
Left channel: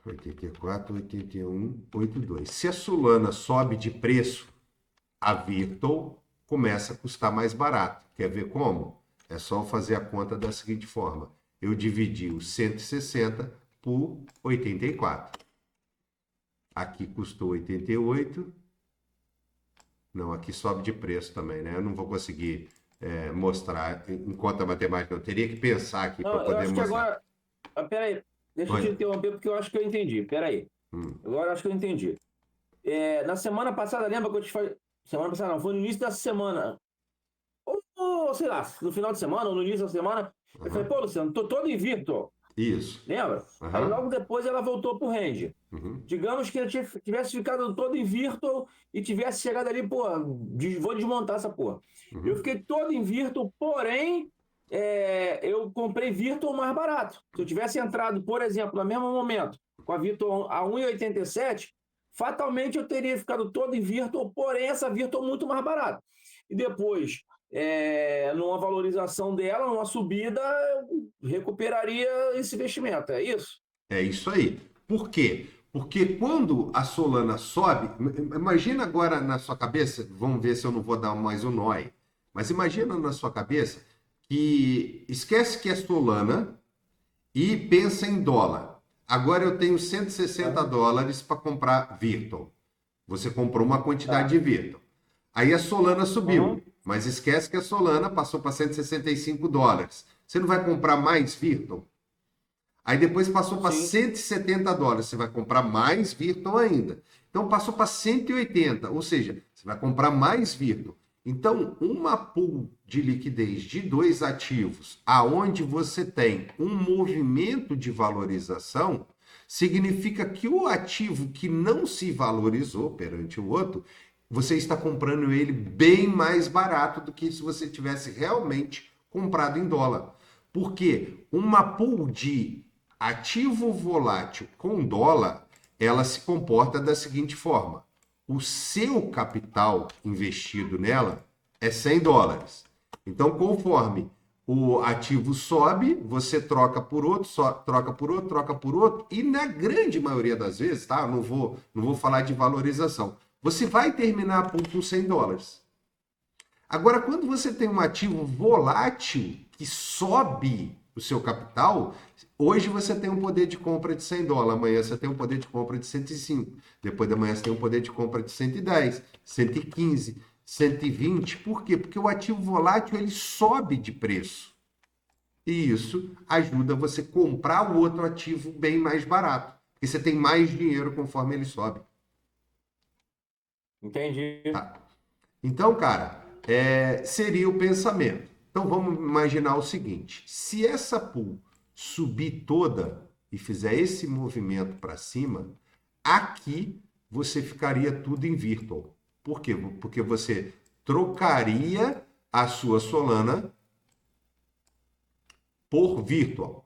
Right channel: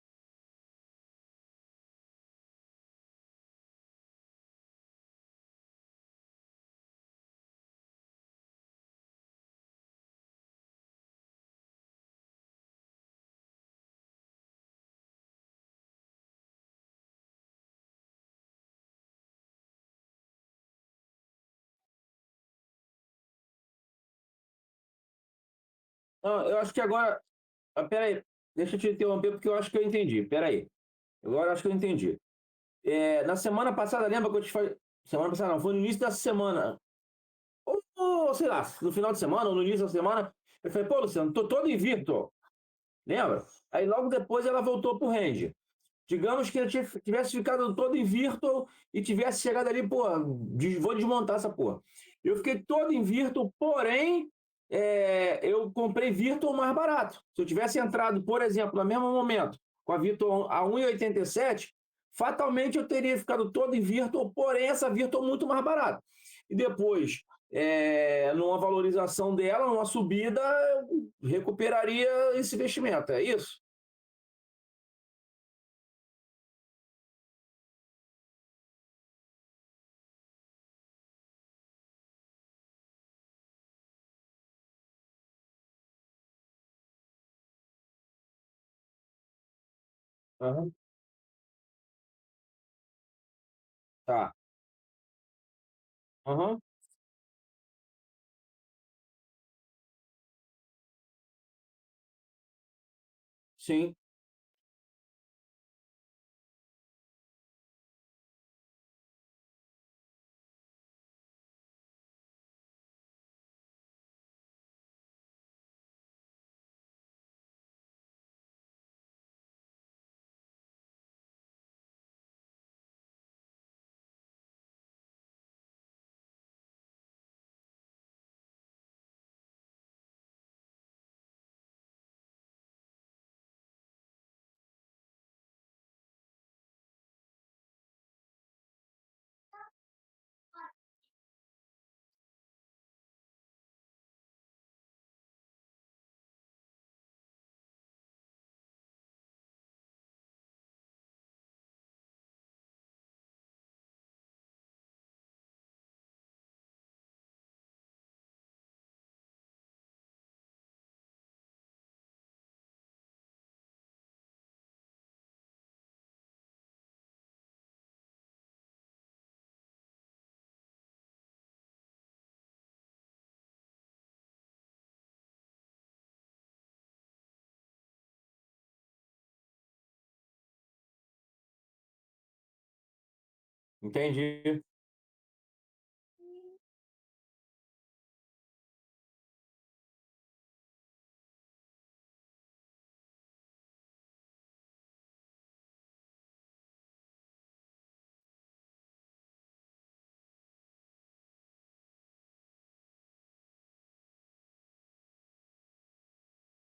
R$ 84, 81, 82. Se a Solana sobe de preço, a Virtual começa a custar mais barato. Quer ver como? É só fazer a conta da seguinte forma. Eu dividi os 160 por 84. Aqui custou 88. Não, aqui sobe de preço também, né? Eu não vou conseguir mostrar em conta matemática. Eu teria que pensar aqui para poder Eu acho que mostrar. agora... Peraí, deixa eu te interromper porque eu acho que eu entendi. Peraí. Agora eu acho que eu entendi. Na semana passada, lembra que eu te falei... Semana passada não, foi no início dessa semana. Ou, sei lá, no final de semana ou no início da semana. Eu falei, pô, Luciano, tô todo em Virtual. Isso. Lembra? Aí logo depois ela voltou pro range. Digamos que ele tivesse ficado todo em Virtual e tivesse chegado ali, pô, vou desmontar essa porra. Eu fiquei todo em Virtual, porém, eu comprei Virtual mais barato. Se eu tivesse entrado, por exemplo, no mesmo momento, com a Virtual a 1,87, fatalmente eu teria ficado todo em Virtual, porém essa Virtual muito mais barata. E depois, numa valorização dela, numa subida, eu recuperaria esse investimento, é isso? É isso aí. Por quê? Porque quando a Solana sobe, imagina agora na sua cabeça, vamos ver se eu não vou dar mais um nó aí, mas imagina na sua cabeça que esquece que é Solana e pensa em dólar. Agora eu tenho 160 dólares para comprar Virtual. Você comprou uma quantidade de Virtual. Aí a Solana subiu, mas esquece que a Solana passou para 165 dólares. Você não vai comprar mais Virtual? Aí depois passou para 170 dólares. Você vai comprar mais Virtual ainda. Então passou para 180, ou seja, você vai comprar mais Virtual. Então, uma pool de liquidez de dois ativos, aonde você tem um movimento de valorização, significa que o ativo que não se valorizou perante o outro, você está comprando ele bem mais barato do que se você tivesse realmente comprado em dólar. Porque uma pool de ativo volátil com dólar, ela se comporta da seguinte forma: o seu capital investido nela é 100 dólares. Então, conforme o ativo sobe, você troca por outro, troca por outro, troca por outro, e na grande maioria das vezes, tá? Não vou falar de valorização. Você vai terminar a pool com 100 dólares. Agora, quando você tem um ativo volátil que sobe o seu capital, hoje você tem um poder de compra de $100, amanhã você tem um poder de compra de 105, depois da manhã você tem um poder de compra de 110, 115, 120. Por quê? Porque o ativo volátil ele sobe de preço. E isso ajuda você a comprar o outro ativo bem mais barato, porque você tem mais dinheiro conforme ele sobe. Entendi. Tá? Então, cara, seria o pensamento. Então vamos imaginar o seguinte: se essa pool subir toda e fizer esse movimento para cima, aqui você ficaria tudo em virtual. Por quê? Porque você trocaria a sua Solana por virtual.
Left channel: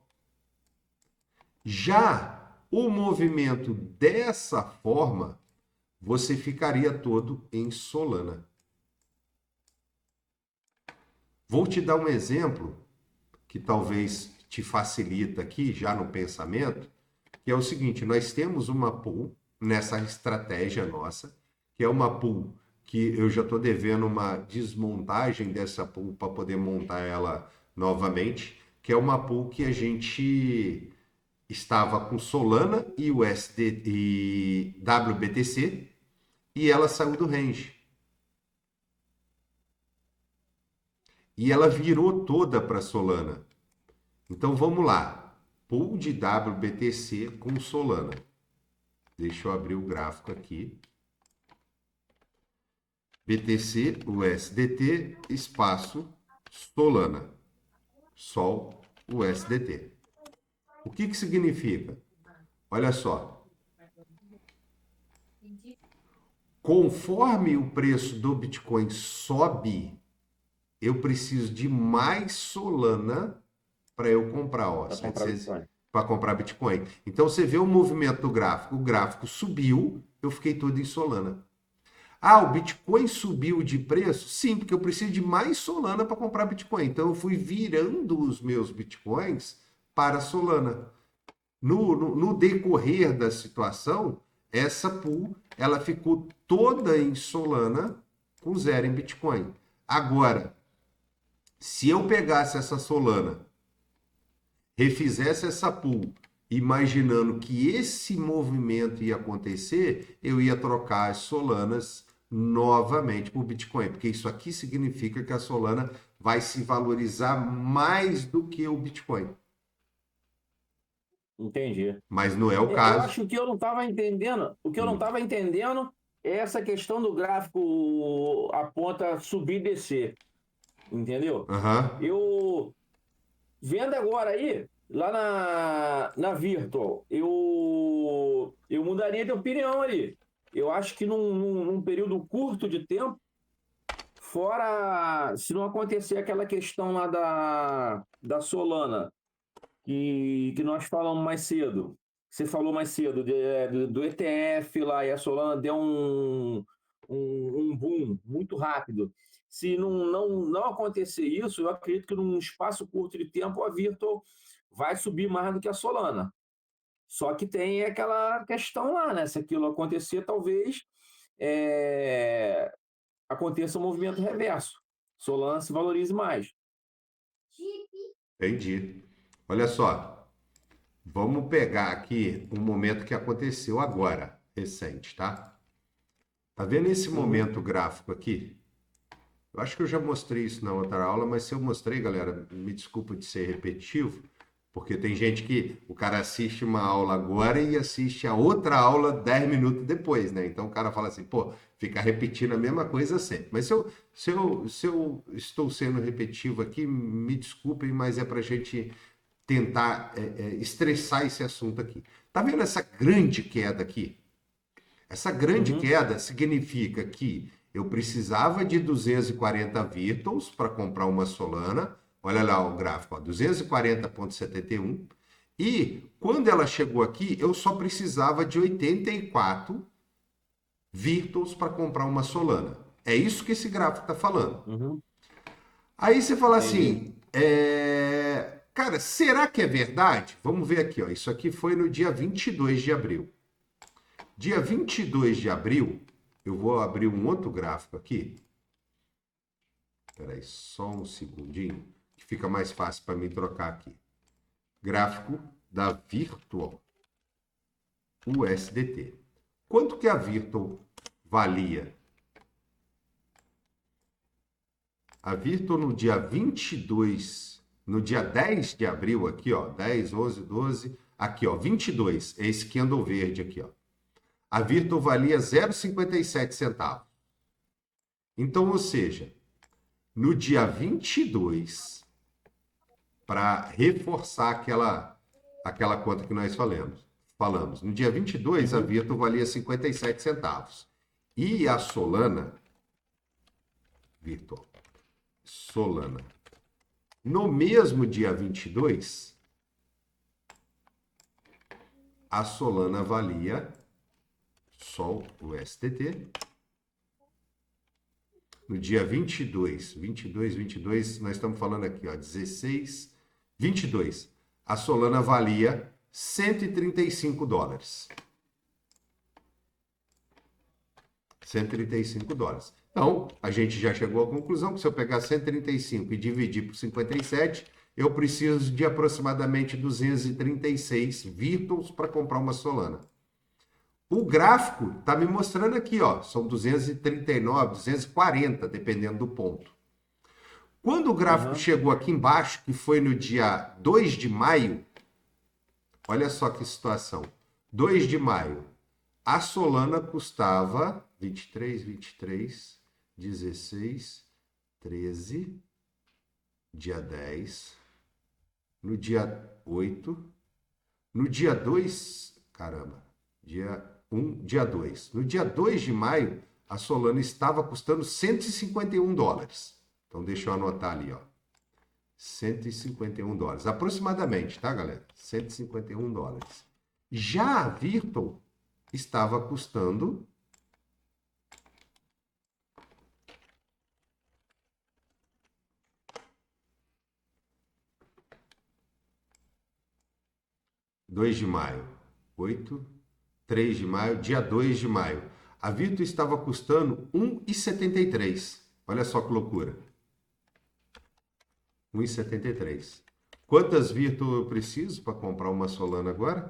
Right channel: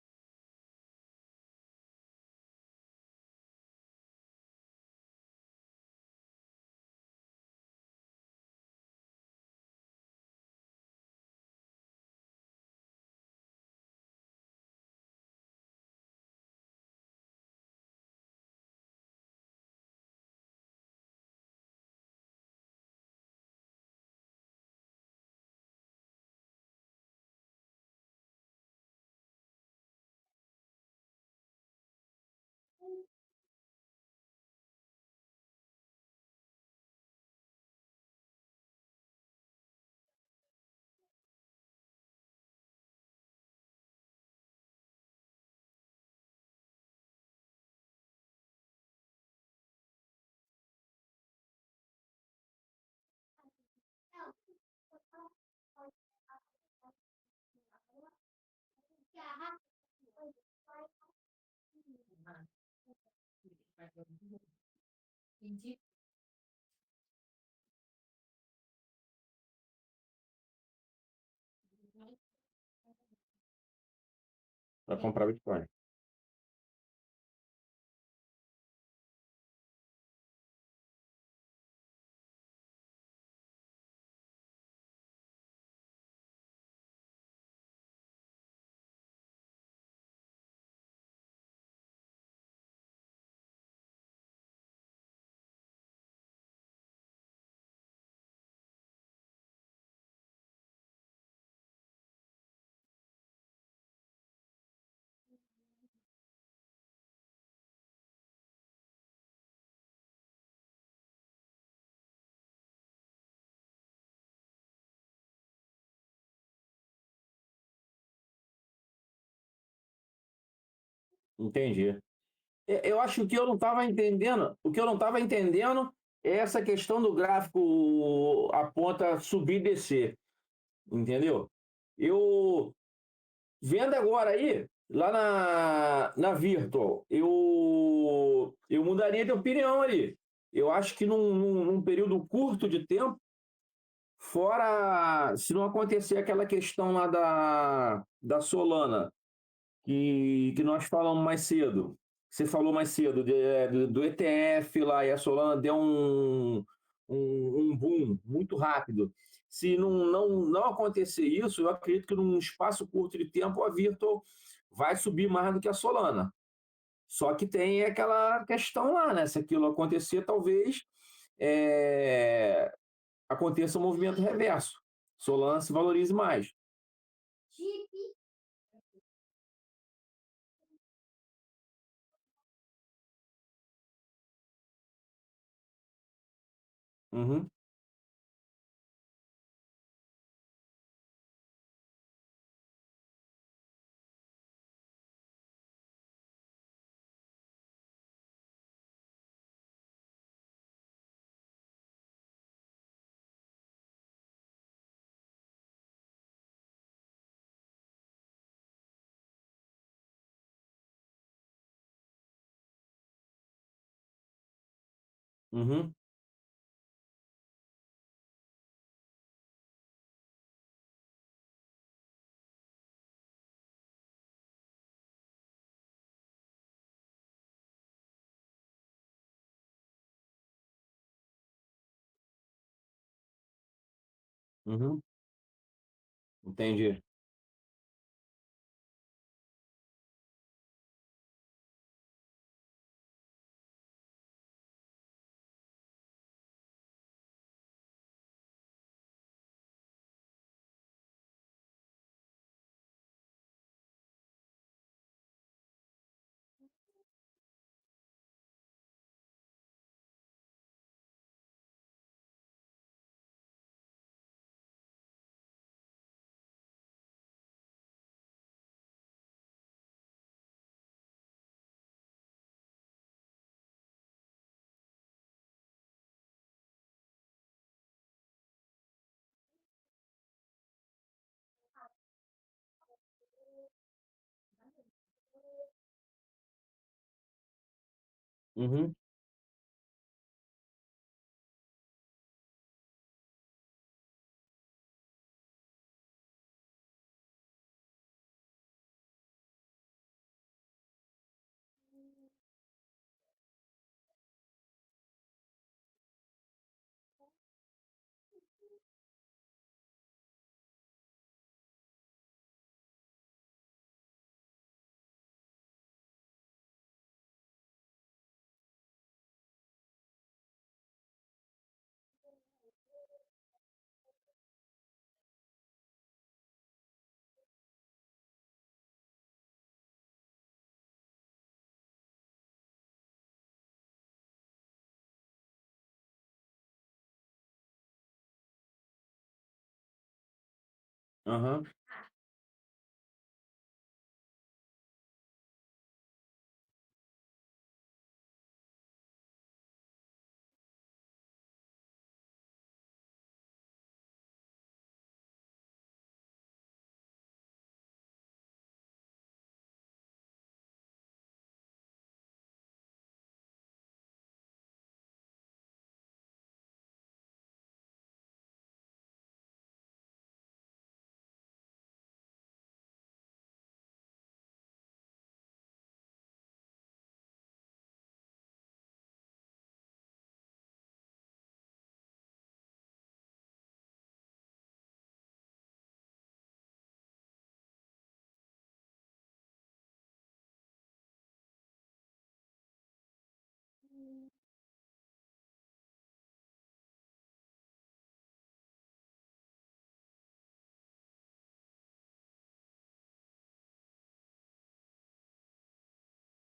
Já o movimento dessa forma, você ficaria todo em Solana. Vou te dar um exemplo que talvez te facilita aqui, já no pensamento, que é o seguinte: nós temos uma pool nessa estratégia nossa, que é uma pool que eu já estou devendo uma desmontagem dessa pool para poder montar ela novamente, que é uma pool que a gente estava com Solana e USD e WBTC e ela saiu do range. E ela virou toda para Solana. Então vamos lá. Pool de WBTC com Solana. Deixa eu abrir o gráfico aqui. BTC, USDT, espaço, Solana. Sol, USDT. O que que significa? Olha só. Conforme o preço do Bitcoin sobe, eu preciso de mais Solana para eu comprar, ó. Para comprar Bitcoin. Para comprar Bitcoin. Então você vê o movimento do gráfico. O gráfico subiu, eu fiquei todo em Solana. Ah, o Bitcoin subiu de preço? Sim, porque eu preciso de mais Solana para comprar Bitcoin. Então eu fui virando os meus Bitcoins para Solana. No decorrer da situação, essa pool ela ficou toda em Solana com zero em Bitcoin. Agora, se eu pegasse essa Solana, refizesse essa pool, imaginando que esse movimento ia acontecer, eu ia trocar as Solanas novamente por Bitcoin, porque isso aqui significa que a Solana vai se valorizar mais do que o Bitcoin. Entendi. Mas não é o Eu caso. acho que eu não estava entendendo. O que eu não estava entendendo é essa questão do gráfico aponta subir e descer. Entendeu? Uhum. Eu vendo agora aí, lá na Virtual, eu mudaria de opinião ali. Eu acho que num período curto de tempo, fora se não acontecer aquela questão lá da Solana, que nós falamos mais cedo, você falou mais cedo do ETF lá e a Solana deu um boom muito rápido. Se não acontecer isso, eu acredito que num espaço curto de tempo a Virtual vai subir mais do que a Solana. Só que tem aquela questão lá, né? Se aquilo acontecer, talvez aconteça um movimento reverso. Solana se valorize mais. Entendi. Olha só, vamos pegar aqui um momento que aconteceu agora, recente, tá? Tá vendo esse momento gráfico aqui? Eu acho que eu já mostrei isso na outra aula, mas se eu mostrei, galera, me desculpa de ser repetitivo, porque tem gente que o cara assiste uma aula agora e assiste a outra aula 10 minutos depois, né? Então o cara fala assim, pô, fica repetindo a mesma coisa sempre. Mas se eu estou sendo repetitivo aqui, me desculpem, mas é pra gente tentar estressar esse assunto aqui. Tá vendo essa grande queda aqui? Essa grande queda significa que eu precisava de 240 Virtuals para comprar uma Solana. Olha lá o gráfico, 240,71. E quando ela chegou aqui, eu só precisava de 84 Virtuals para comprar uma Solana. É isso que esse gráfico está falando. Aí você fala assim, cara, será que é verdade? Vamos ver aqui, ó. Isso aqui foi no dia 22 de abril. Dia 22 de abril, eu vou abrir um outro gráfico aqui. Espera aí, só um segundinho, que fica mais fácil para mim trocar aqui. Gráfico da Virtual USDT. Quanto que a Virtual valia? A Virtual no dia 22, no dia 10 de abril aqui, ó, 10, 11, 12, aqui, ó, 22, é esse candle verde aqui, ó. A Virtual valia 0,57 centavos. Então, ou seja, no dia 22, para reforçar aquela conta que nós falamos. No dia 22, a Virtual valia 57 centavos. E a Solana, Virtual, Solana, no mesmo dia 22, a Solana valia, Sol, o STT, no dia 22, nós estamos falando aqui, ó, 16, 22, a Solana valia 135 dólares. 135 dólares. Então, a gente já chegou à conclusão que se eu pegar 135 e dividir por 57, eu preciso de aproximadamente 236 Virtuals para comprar uma Solana. O gráfico está me mostrando aqui, ó, são 239, 240, dependendo do ponto. Quando o gráfico chegou aqui embaixo, que foi no dia 2 de maio, olha só que situação. 2 de maio, a Solana custava 23, 16, 13, dia 10, no dia 8, no dia 2, caramba, dia 1, dia 2. No dia 2 de maio, a Solana estava custando 151 dólares. Então, deixa eu anotar ali, ó. 151 dólares, aproximadamente, tá, galera? 151 dólares. Já a Virtual estava custando (2 de maio, 8, 3 de maio, dia 2 de maio. A Virtual estava custando 1,73. Olha só que loucura. 1,73. Quantas Virtual eu preciso para comprar uma Solana agora?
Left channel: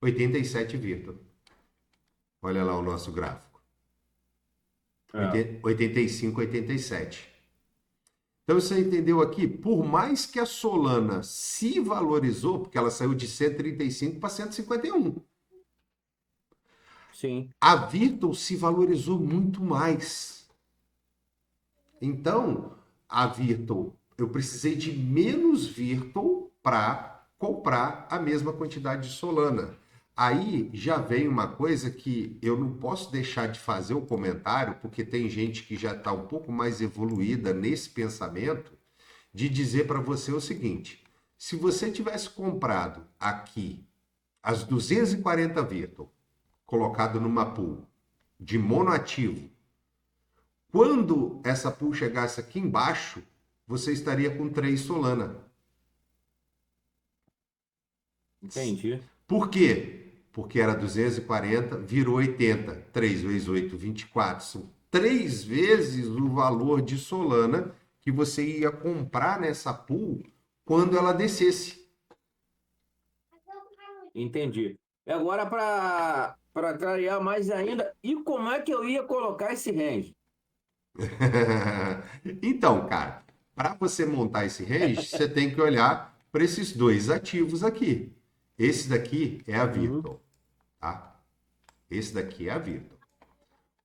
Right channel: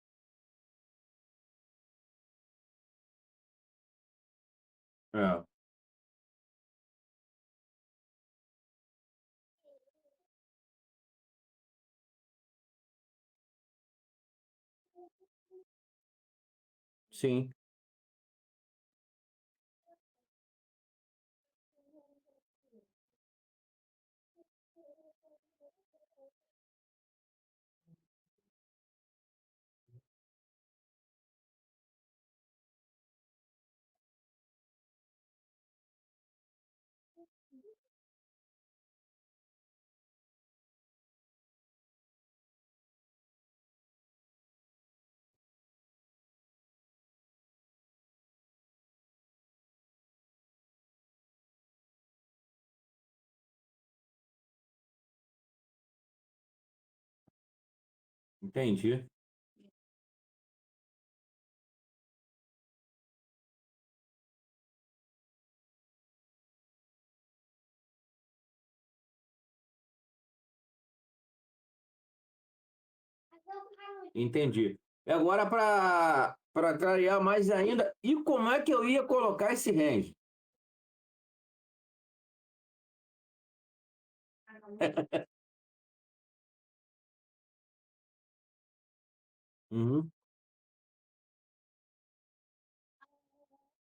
87 Virtual. Olha lá o nosso gráfico. 85, 87. Então você entendeu aqui? Por mais que a Solana se valorizou, porque ela saiu de 135 para 151. Sim. A Virtual se valorizou muito mais. Então, a Virtual, eu precisei de menos Virtual para comprar a mesma quantidade de Solana. Aí já vem uma coisa que eu não posso deixar de fazer o comentário, porque tem gente que já está um pouco mais evoluída nesse pensamento, de dizer para você o seguinte: se você tivesse comprado aqui as 240 Virtual, colocado numa pool de monoativo, quando essa pool chegasse aqui embaixo, você estaria com 3 Solana. Entendi. Por quê? Porque era 240, virou 80. 3 vezes 8, 24. São 3 vezes o valor de Solana que você ia comprar nessa pool quando ela descesse. Entendi. E agora, para clarear mais ainda, e como é que eu ia colocar esse range? Então, cara, para você montar esse range, você tem que olhar para esses dois ativos aqui. Esse daqui é a Virtual, tá? Esse daqui é a Virtual.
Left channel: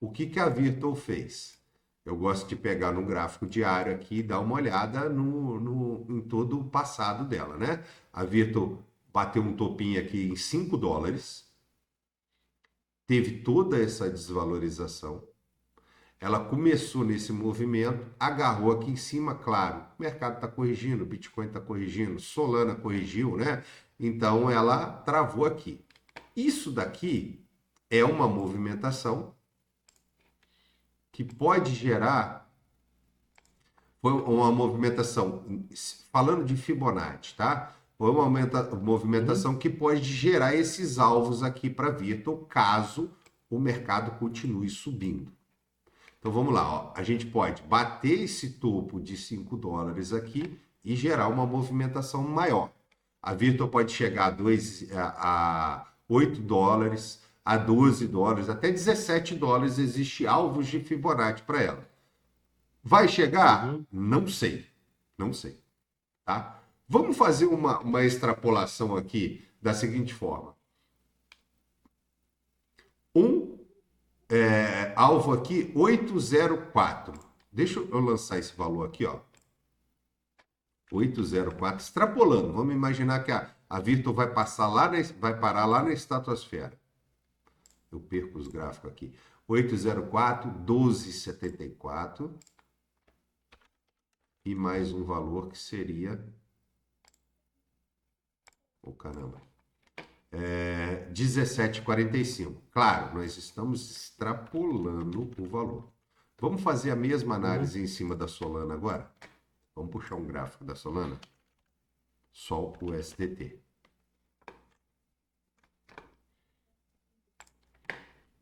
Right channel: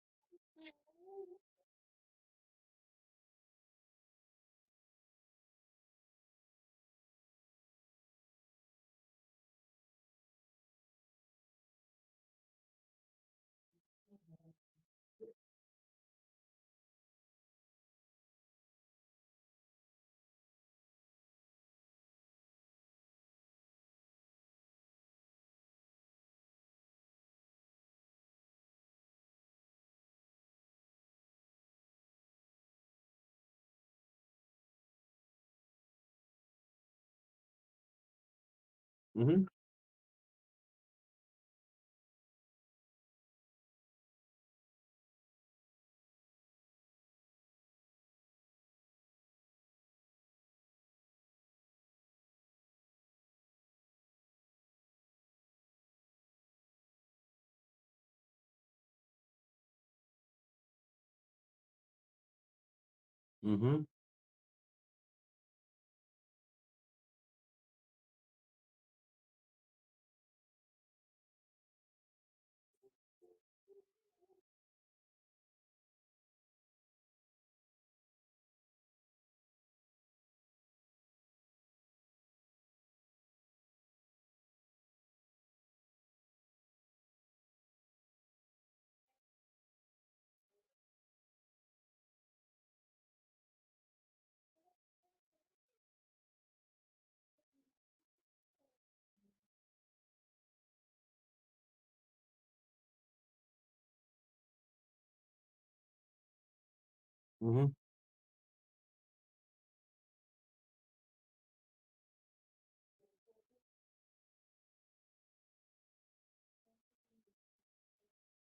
O que a Virtual fez? Eu gosto de pegar no gráfico diário aqui e dar uma olhada em todo o passado dela, né? A Virtual bateu um topinho aqui em 5 dólares, teve toda essa desvalorização. Ela começou nesse movimento, agarrou aqui em cima, claro, o mercado está corrigindo, o Bitcoin está corrigindo, Solana corrigiu, né? Então ela travou aqui. Isso daqui é uma movimentação que pode gerar, foi uma movimentação, falando de Fibonacci, tá? Foi uma movimentação que pode gerar esses alvos aqui para Virtual, caso o mercado continue subindo. Então vamos lá, ó. A gente pode bater esse topo de 5 dólares aqui e gerar uma movimentação maior. A Virtual pode chegar a 8 dólares, a 12 dólares, até 17 dólares existe alvos de Fibonacci para ela. Vai chegar? Não sei. Não sei. Tá? Vamos fazer uma extrapolação aqui da seguinte forma. Alvo aqui, 804. Deixa eu lançar esse valor aqui, ó. 804, extrapolando. Vamos imaginar que a Virtual vai parar lá na estratosfera. Eu perco os gráficos aqui. 804, 1274. E mais um valor que seria... Oh, caramba. 17,45. Claro, nós estamos extrapolando o valor. Vamos fazer a mesma análise em cima da Solana agora? Vamos puxar um gráfico da Solana? Só o SDT.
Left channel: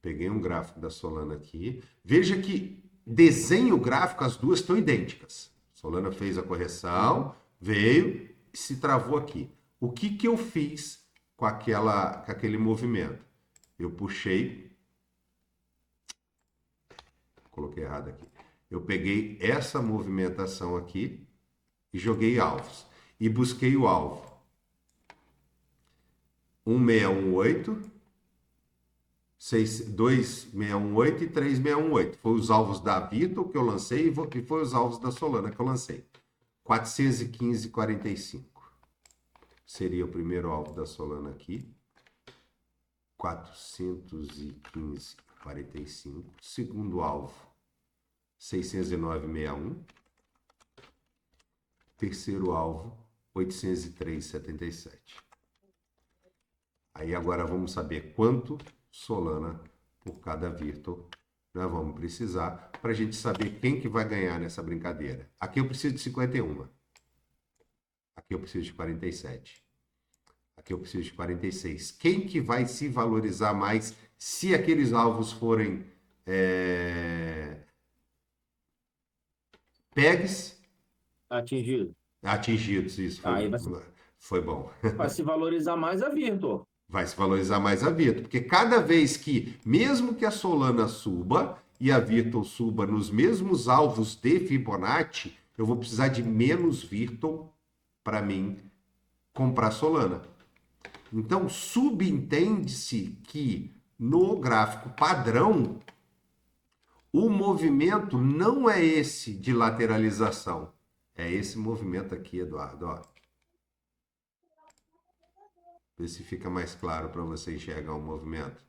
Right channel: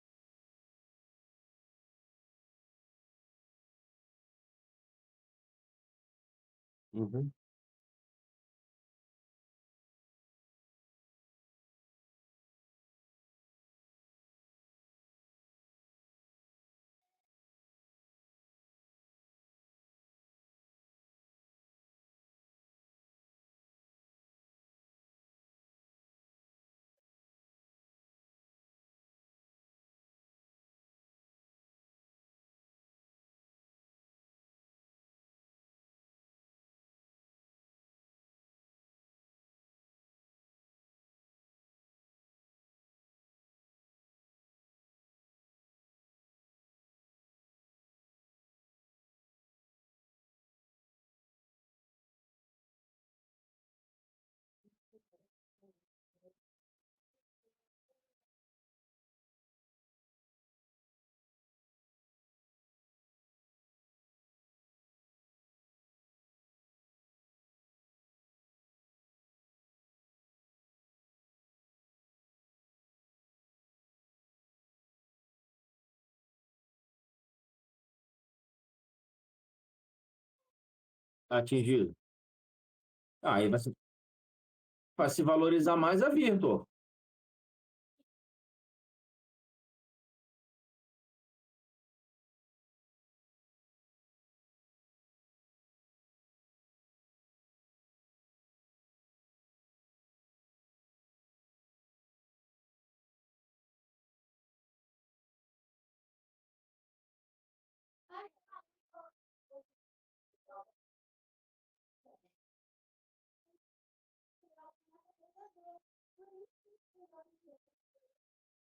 Peguei um gráfico da Solana aqui. Veja que desenho gráfico, as duas estão idênticas. Solana fez a correção, veio e se travou aqui. O que eu fiz com aquele movimento? Eu puxei, coloquei errado aqui. Eu peguei essa movimentação aqui e joguei alvos. E busquei o alvo. 1618, 2618 e 3618. Foi os alvos da Virtual que eu lancei e foi os alvos da Solana que eu lancei. 415,45. Seria o primeiro alvo da Solana aqui. 415,45. Segundo alvo, 609,61. Terceiro alvo, 803,77. Aí agora vamos saber quanto Solana por cada Virtual nós vamos precisar para a gente saber quem que vai ganhar nessa brincadeira. Aqui eu preciso de 51. Aqui eu preciso de 47. Aqui eu preciso de 46. Quem que vai se valorizar mais se aqueles alvos forem pegs? Atingidos, isso. Foi bom. Vai se valorizar mais a Virtual. Vai se valorizar mais a Virtual. Porque cada vez que, mesmo que a Solana suba e a Virtual suba nos mesmos alvos de Fibonacci, eu vou precisar de menos Virtual para mim comprar Solana. Então, subentende-se que no gráfico padrão, o movimento não é esse de lateralização. É esse movimento aqui, Eduardo. Ó. Vê se fica mais claro para você enxergar o movimento.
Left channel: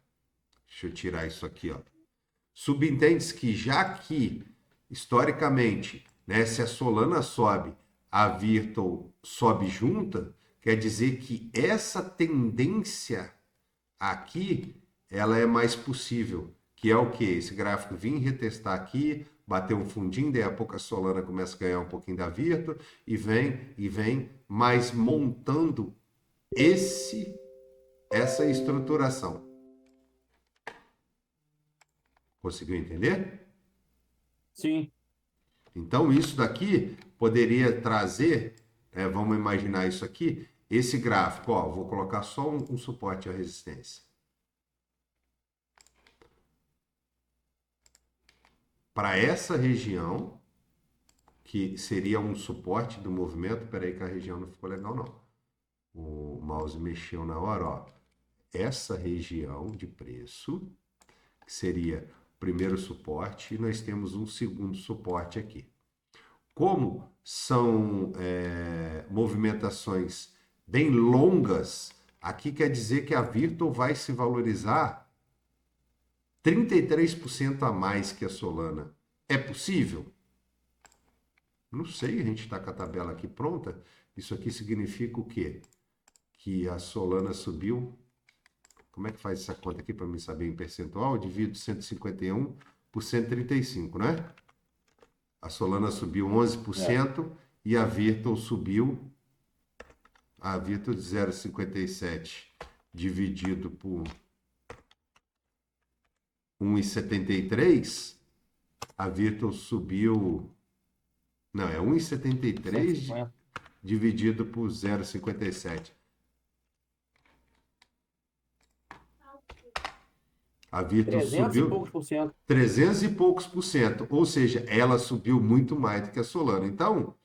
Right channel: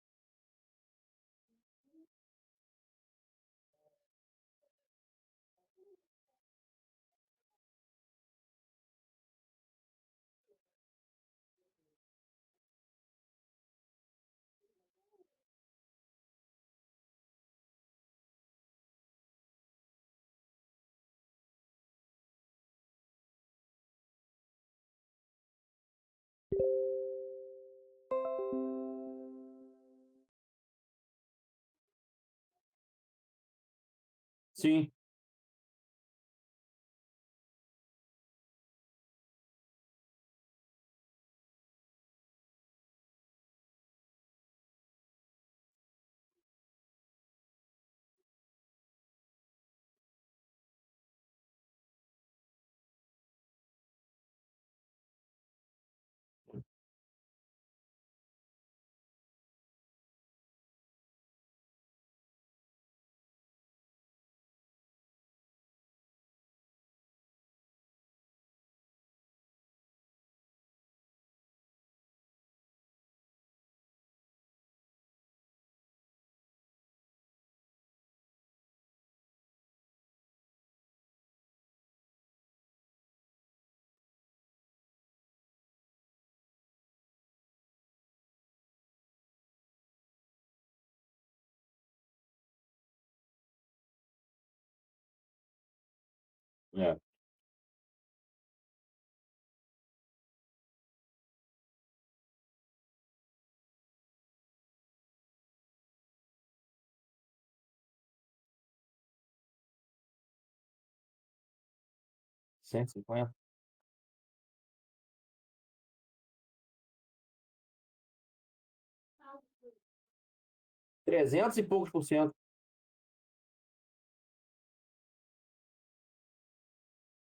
Deixa eu tirar isso aqui, ó. Subentende-se que já que, historicamente, né, se a Solana sobe, a Virtual sobe junta, quer dizer que essa tendência aqui, ela é mais possível. Que é o quê? Esse gráfico vir retestar aqui, bater um fundinho, daí a pouco a Solana começa a ganhar um pouquinho da Virtual e vem, mas montando essa estruturação. Conseguiu entender? Sim. Então, isso daqui poderia trazer, vamos imaginar isso aqui, esse gráfico, ó, vou colocar só um suporte à resistência. Para essa região, que seria um suporte do movimento, peraí que a região não ficou legal não. O mouse mexeu na hora, ó. Essa região de preço, que seria o primeiro suporte, e nós temos um segundo suporte aqui. Como são movimentações bem longas, aqui quer dizer que a Virtual vai se valorizar 33% a mais que a Solana. É possível? Não sei, a gente está com a tabela aqui pronta. Isso aqui significa o quê? Que a Solana subiu. Como é que faz essa conta aqui para me saber em percentual? Eu divido 151 por 135, né? A Solana subiu 11% e a Virtual subiu. A Virtual de 0,57 dividido por 1,73 A Virtual subiu... Não, é 1,73 dividido por 0,57. A Virtual 300 subiu e poucos por cento. 300 e poucos por cento. Ou seja, ela subiu muito mais do que a Solana. Então,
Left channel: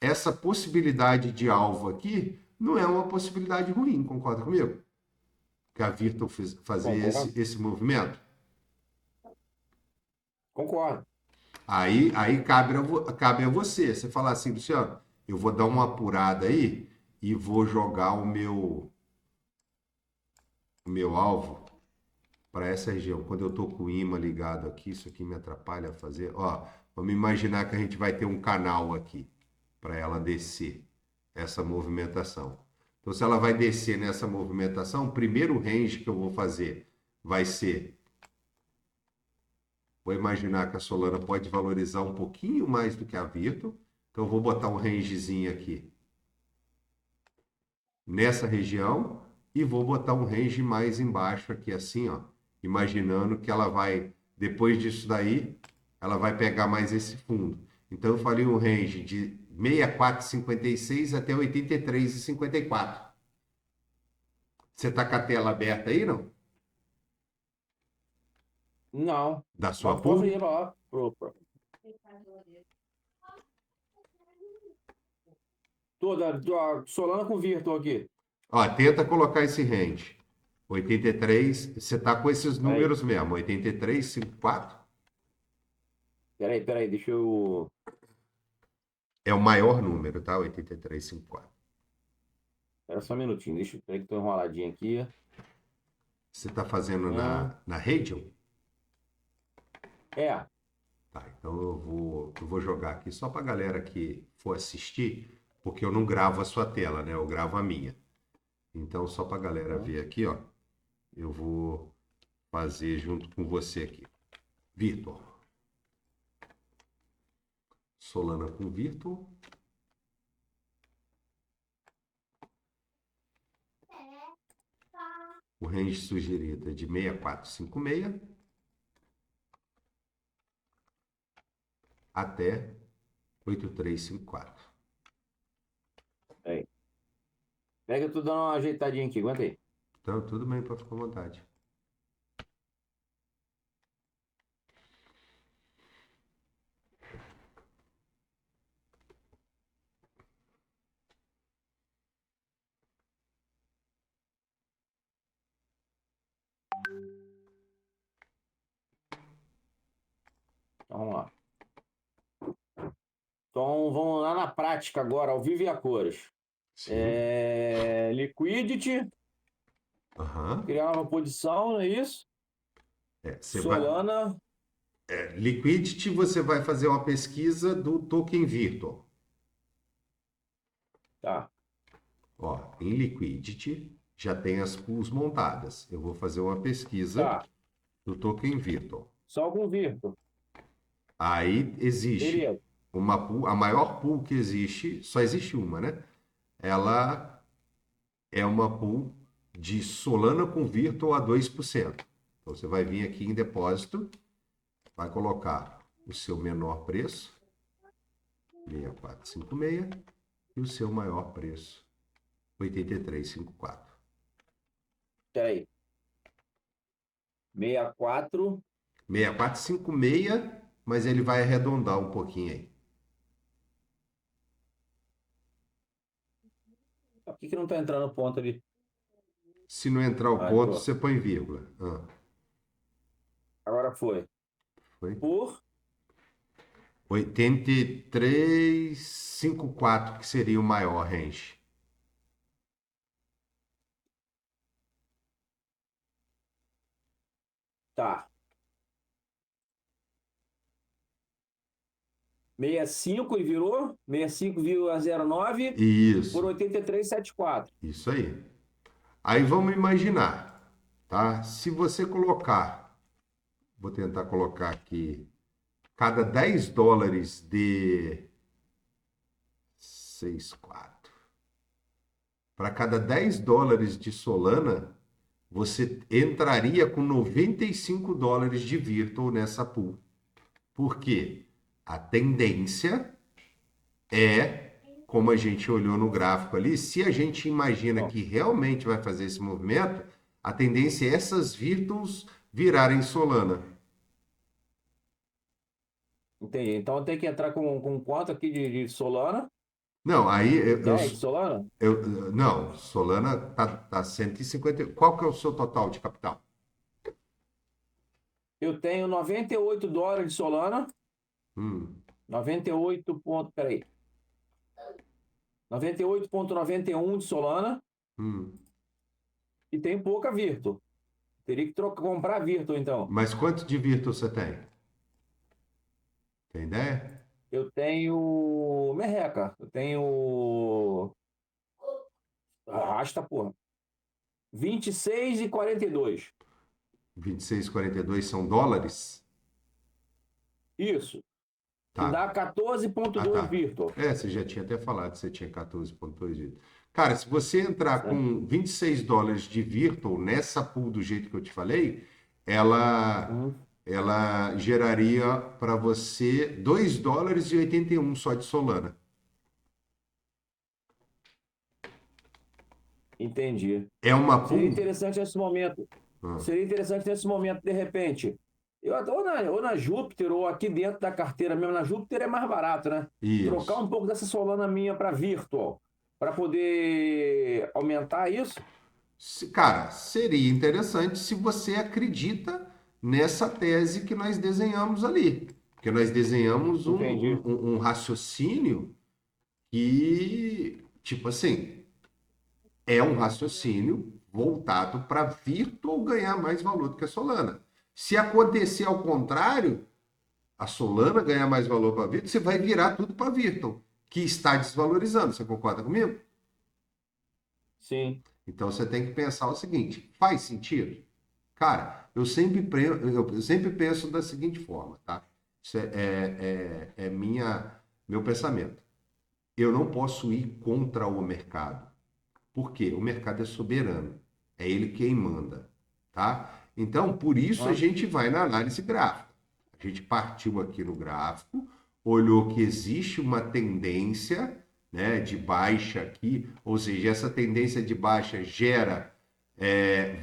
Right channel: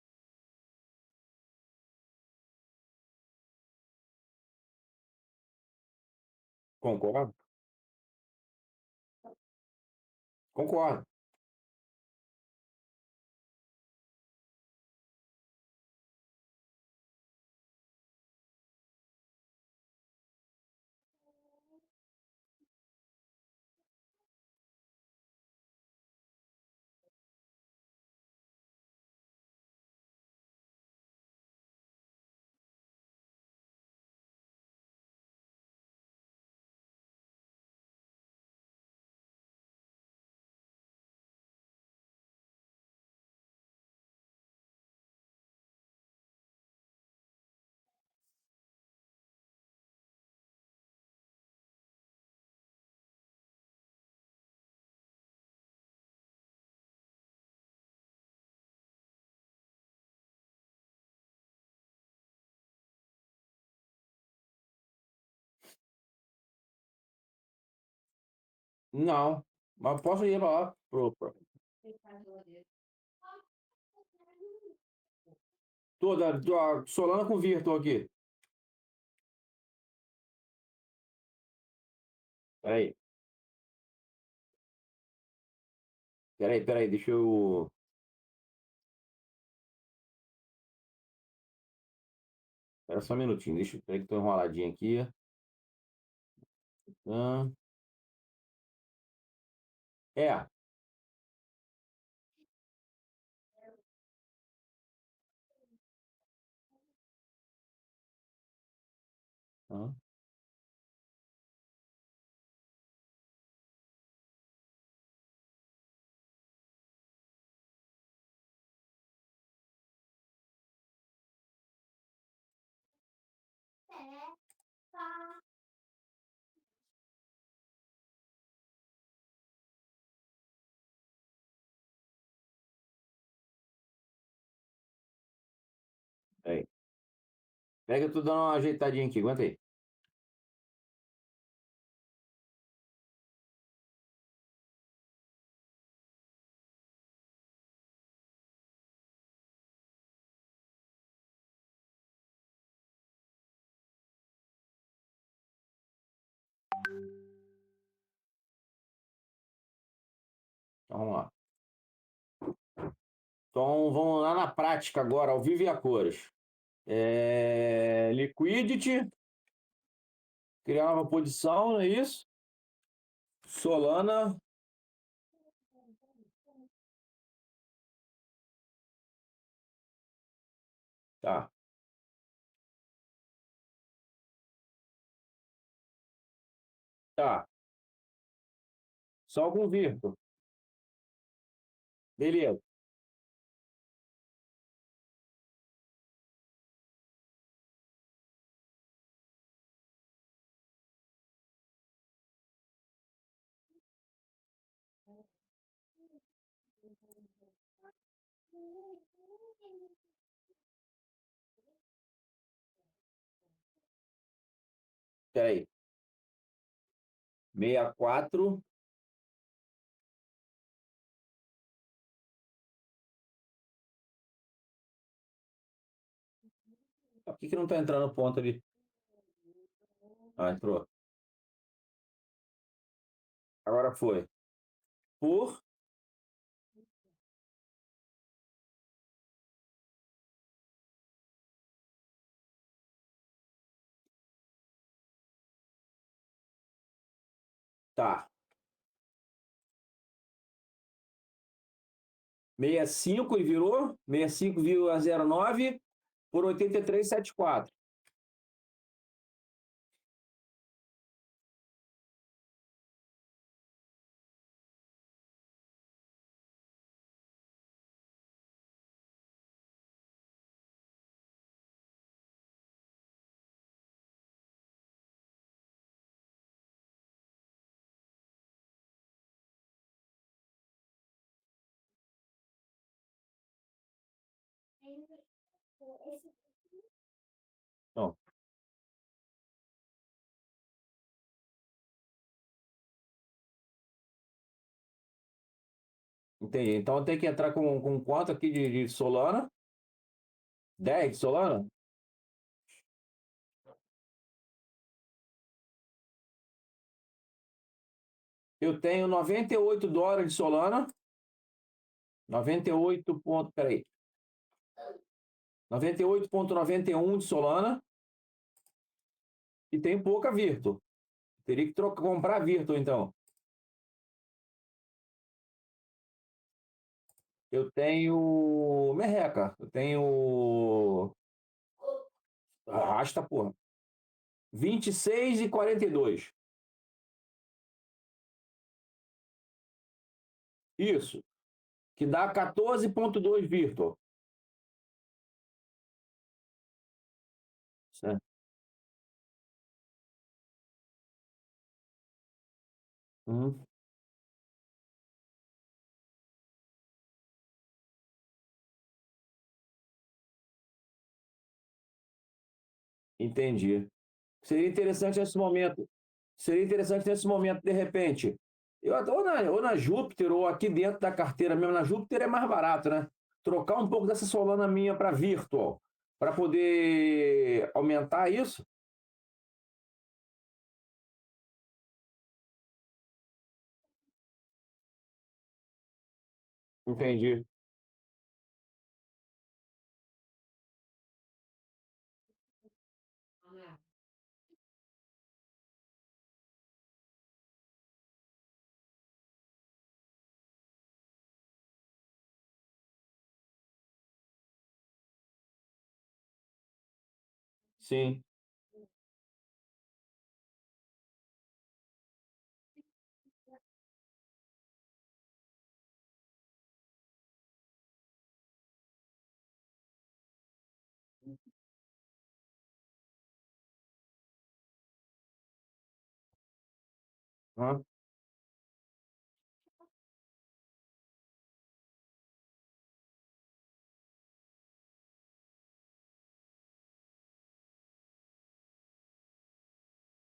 essa possibilidade de alvo aqui não é uma possibilidade ruim, concorda comigo? Que a Virtual fazer esse movimento. Concordo. Aí cabe a você. Você falar assim, Luciano, eu vou dar uma apurada aí e vou jogar o meu alvo para essa região. Quando eu estou com o imã ligado aqui, isso aqui me atrapalha a fazer. Ó, vamos imaginar que a gente vai ter um canal aqui para ela descer essa movimentação. Então, se ela vai descer nessa movimentação, o primeiro range que eu vou fazer vai ser... Vou imaginar que a Solana pode valorizar um pouquinho mais do que a Virtual. Então, eu vou botar um rangezinho aqui nessa região e vou botar um range mais embaixo aqui, assim, ó. Imaginando que ela vai, depois disso daí, ela vai pegar mais esse fundo. Então, eu falei um range de 64,56 até 83,54. Você está com a tela aberta aí, não? Não. Da sua Mas posso ir lá. Toda Solana com Virtual aqui. Ó, tenta colocar esse range. 83, você tá com esses números mesmo. 83, 54? Peraí, deixa eu... É o maior número, tá? 83, 54. Espera só um minutinho, peraí que tô enroladinho aqui. Você tá fazendo na Radial? É. Tá, então eu vou jogar aqui só pra galera que for assistir, porque eu não gravo a sua tela, né? Eu gravo a minha. Então, só pra galera ver aqui, ó. Eu vou fazer junto com você aqui. Virtual. Solana com Virtual. O range sugerido é de 6456 até 8354. Peraí. Pega, eu tô dando uma ajeitadinha aqui, aguenta aí. Então, tudo bem, para ficar à vontade. Então, vamos lá. Então, vamos lá na prática agora, ao vivo e a cores. Liquidity. Criar uma posição, não é isso? Solana. Liquidity, você vai fazer uma pesquisa do token Virtual. Tá. Ó, em Liquidity já tem as pools montadas. Eu vou fazer uma pesquisa do token Virtual. Só com Virtual. Aí existe uma pool, a maior pool que existe, só existe uma, né? Ela é uma pool de Solana com Virtual a 2%. Então você vai vir aqui em depósito, vai colocar o seu menor preço, 6456, e o seu maior preço, 8354. Peraí. 6456, mas ele vai arredondar um pouquinho aí. Por que não está entrando o ponto ali? Se não entrar o ponto, entrou. Você põe vírgula. Agora foi. Por 83,54, que seria o maior range. Tá. 65 e virou 65,09 por 83,74. Isso aí. Aí vamos imaginar, tá? Se você colocar, vou tentar colocar aqui, cada 10 dólares de 64. Para cada 10 dólares de Solana, você entraria com 95 dólares de Virtual nessa pool. Por quê? A tendência é, como a gente olhou no gráfico ali, se a gente imagina que realmente vai fazer esse movimento, a tendência é essas Virtuals virarem Solana. Entendi. Então tem que entrar com quanto aqui de Solana? Não, aí 10 de Solana? não, Solana tá 150. Qual que é o seu total de capital? Eu tenho $98 de Solana. Hum, 98 ponto, peraí. 98,91 de Solana hum. e tem pouca Virtu. Teria que comprar Virtu, então. Mas quanto de Virtual você tem? Tem ideia? Eu tenho merreca. Eu tenho. Arrasta, porra. 26,42. 26,42 são dólares? Isso. Que Tá. dá 14,2 Tá. Virtu. Você já tinha até falado que você tinha 14,2 Virtual. Cara, se você entrar Certo? com $26 de Virtual nessa pool do jeito que eu te falei, ela, Uhum. ela geraria para você $2,81 só de Solana. Entendi. É uma Seria pool? interessante nesse momento. Ah, Seria interessante nesse momento, de repente. Ou na Júpiter, ou aqui dentro da carteira mesmo. Na Júpiter é mais barato, né? Trocar isso. um pouco dessa Solana minha para Virtual, para poder aumentar isso. Cara, seria interessante se você acredita nessa tese que nós desenhamos ali. Porque nós desenhamos Entendi. um raciocínio que, tipo assim, é um raciocínio voltado para Virtual ganhar mais valor do que a Solana. Se acontecer ao contrário, a Solana ganhar mais valor para Virtual, você vai virar tudo para Virtual, que está desvalorizando. Você concorda comigo? Sim. Então você tem que pensar o seguinte: faz sentido? Cara, eu sempre penso da seguinte forma, tá? Isso meu pensamento. Eu não posso ir contra o mercado. Por quê? O mercado é soberano. É ele quem manda, tá? Então, por isso a Ah, gente vai na análise gráfica. A gente partiu aqui no gráfico, olhou que existe uma tendência, né, de baixa aqui, ou seja, essa tendência de baixa gera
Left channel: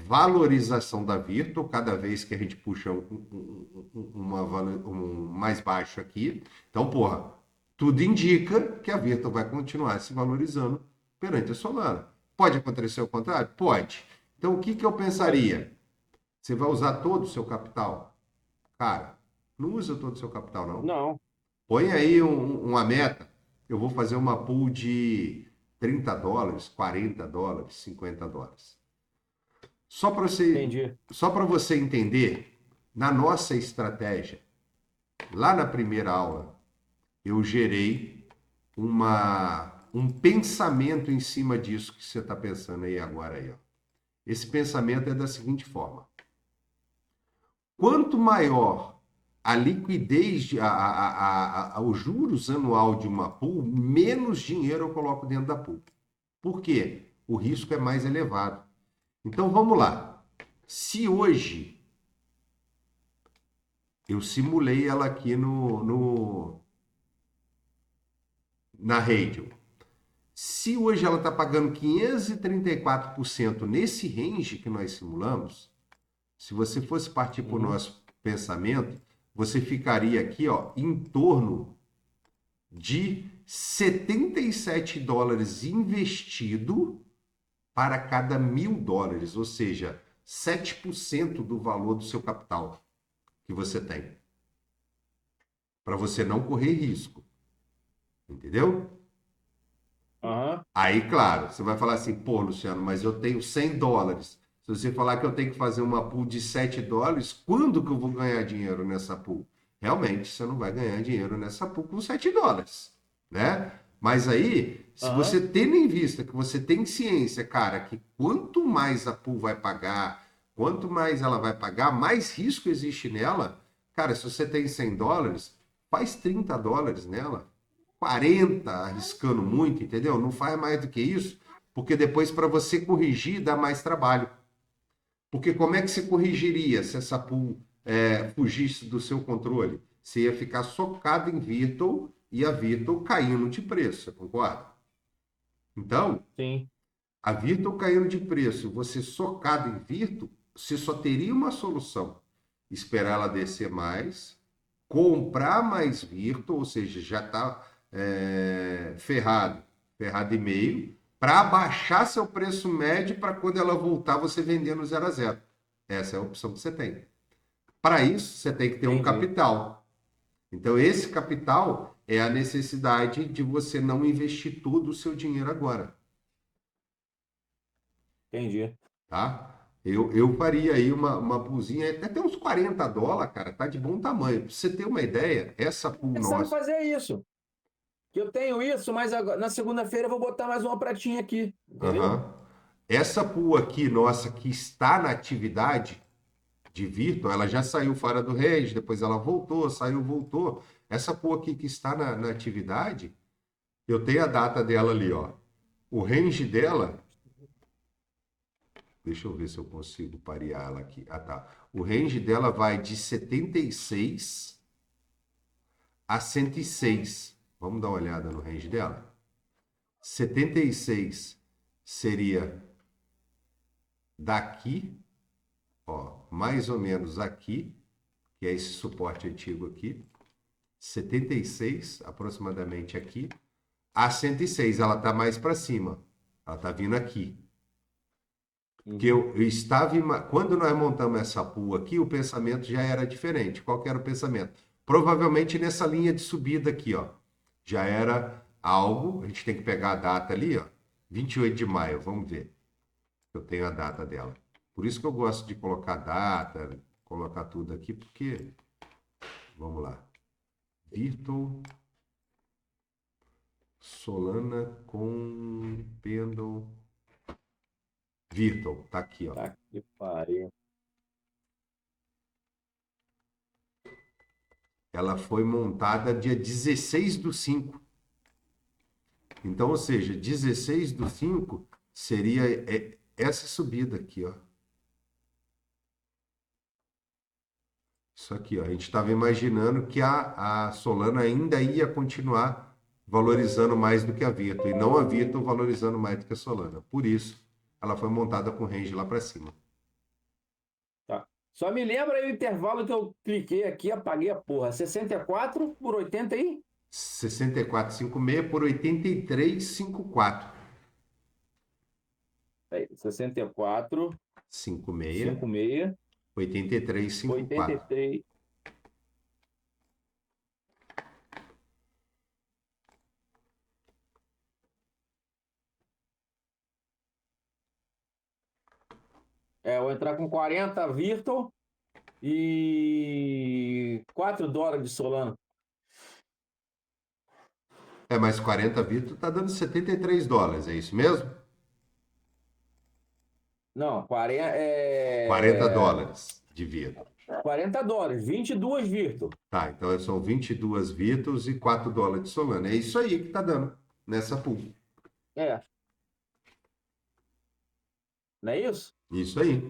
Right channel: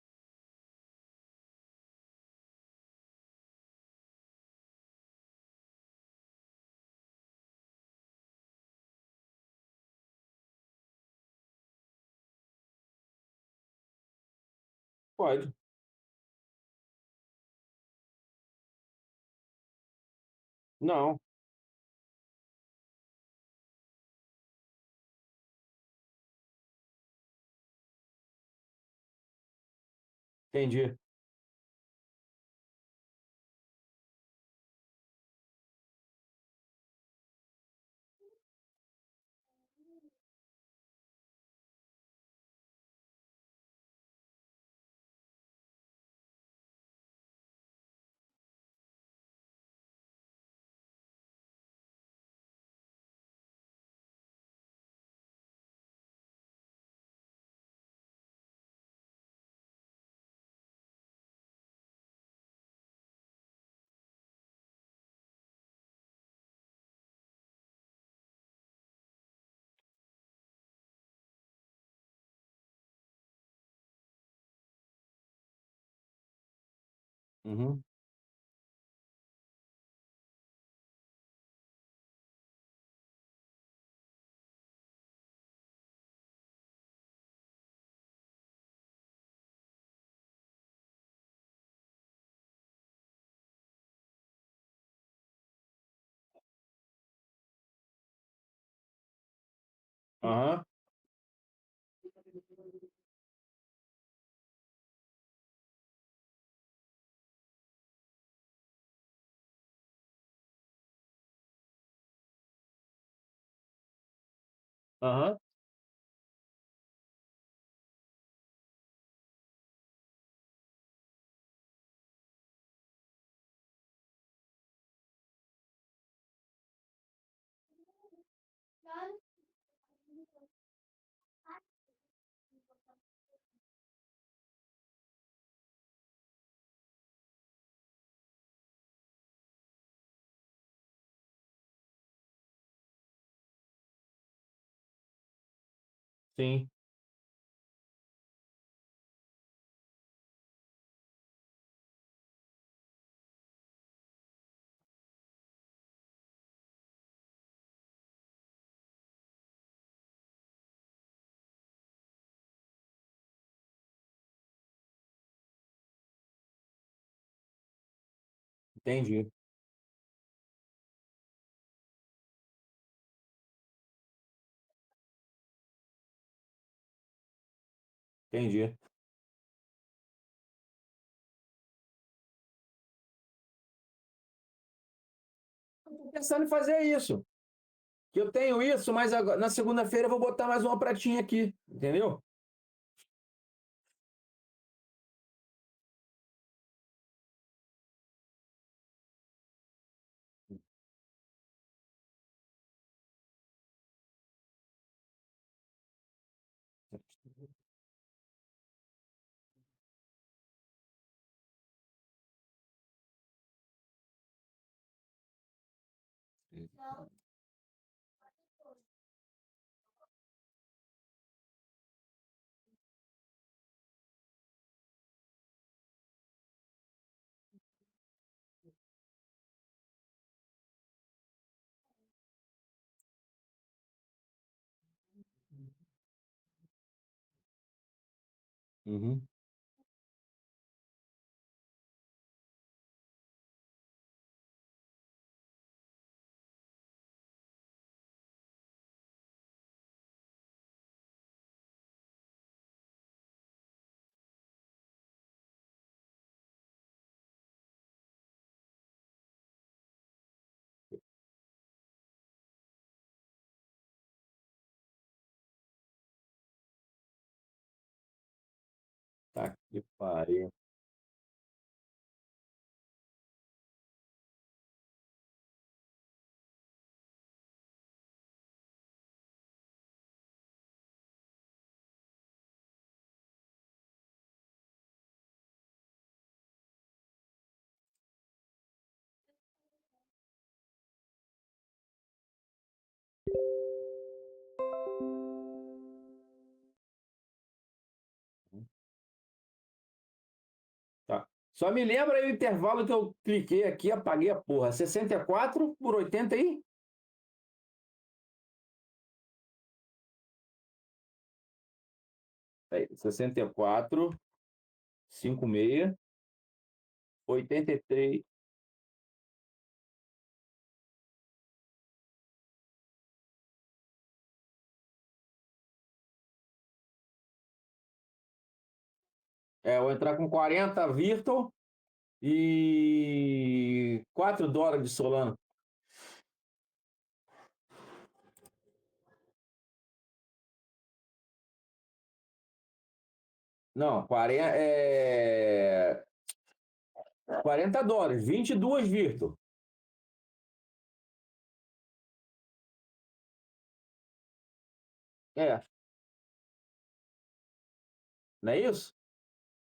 valorização da Virtu cada vez que a gente puxa mais baixo aqui. Então, porra, tudo indica que a Virtu vai continuar se valorizando perante a Solana. Pode acontecer o contrário? Pode. Então, o que que eu pode. pensaria? Você vai usar todo o seu capital? Cara, não usa todo o seu capital, não. Não. Põe aí uma meta. Eu vou fazer uma pool de $30, $40, $50. Só para você, Entendi. só para você entender, na nossa estratégia, lá na primeira aula, eu gerei um pensamento em cima disso que você está pensando aí agora aí, ó. Esse pensamento é da seguinte forma: quanto maior a liquidez, o juros anual de uma pool, menos dinheiro eu coloco dentro da pool. Por quê? O risco é mais elevado. Então vamos lá. Se hoje eu simulei ela aqui na Radial, se hoje ela está pagando 534% nesse range que nós simulamos, se você fosse partir para o Uhum. nosso pensamento, você ficaria aqui, ó, em torno de $77 investido para cada $1.000, ou seja, 7% do valor do seu capital que você tem, para você não correr risco, entendeu? Aham. Aí, claro, você vai falar assim, pô, Luciano, mas eu tenho $100. Se você falar que eu tenho que fazer uma pool de $7, quando que eu vou ganhar dinheiro nessa pool? Realmente, você não vai ganhar dinheiro nessa pool com $7, né? Mas aí, se Aham. você tendo em vista que você tem ciência, cara, que quanto mais a pool vai pagar, quanto mais ela vai pagar, mais risco existe nela. Cara, se você tem $100, faz $30 nela. 40 arriscando muito, entendeu? Não faz mais do que isso, porque depois para você corrigir dá mais trabalho. Porque como é que você corrigiria se essa pool fugisse do seu controle? você ia ficar socado em Virtual e a Virtual caindo de preço, você concorda? Então, Sim, a Virtual caindo de preço, você socado em Virtual, você só teria uma solução: esperar ela descer mais, comprar mais Virtual, ou seja, já está ferrado, ferrado e meio, para abaixar seu preço médio para quando ela voltar você vender no 0 a 0. Essa é a opção que você tem. Para isso, você tem que ter um entendi, capital. Então, esse capital é a necessidade de você não investir todo o seu dinheiro agora, entendi. tá? Eu faria aí uma poolzinha, até uns US$ 40, cara, tá de bom tamanho. Pra você ter uma ideia, essa Tô pool pensando em nossa, fazer isso. Que eu tenho isso, mas na segunda-feira eu vou botar mais uma pratinha aqui, entendeu? aham. Essa pool aqui nossa que está na atividade de Virtual, ela já saiu fora do range, depois ela voltou, saiu, voltou. Essa pool aqui que está na atividade, eu tenho a data dela ali, ó. O range dela, deixa eu ver se eu consigo parear ela aqui. Ah, tá. O range dela vai de 76 a 106. Vamos dar uma olhada no range dela. 76 seria daqui, ó, mais ou menos aqui, que é esse suporte antigo aqui. 76 aproximadamente aqui. A 106 ela está mais para cima. Ela está vindo aqui. Porque Uhum. eu estava. Quando nós montamos essa pool aqui, o pensamento já era diferente. Qual que era o pensamento? Provavelmente nessa linha de subida aqui, ó. Já era algo. A gente tem que pegar a data ali, ó. 28 de maio, vamos ver. Eu tenho a data dela. Por isso que eu gosto de colocar data, colocar tudo aqui, porque. Vamos lá. Virtual Solana com Pendle. Virtual, tá aqui, ó. Tá que pariu. Ela foi montada dia 16/5. Então, ou seja, 16/5 seria essa subida aqui, ó. Isso aqui, ó. A gente estava imaginando que a Solana ainda ia continuar valorizando mais do que a Virtu, e não a Virtu valorizando mais do que a Solana. Por isso, ela foi montada com range lá para cima. Tá. Só me lembra aí o intervalo que eu cliquei aqui, apaguei a porra. 64 por 80 aí? 64,56 por 83,54. 64, 56, 56, 83,54. 83. É, eu vou entrar com 40 Virtual e US$ 4 de Solana. Mas 40 Virtu tá dando US$ 73, é isso mesmo? Não, 40, 40 dólares de Virtu. $40, 22 Virtual. Tá, então são 22 Virtus e US$ 4 de Solana. É isso aí que tá dando nessa pool. É, não é isso? Isso aí.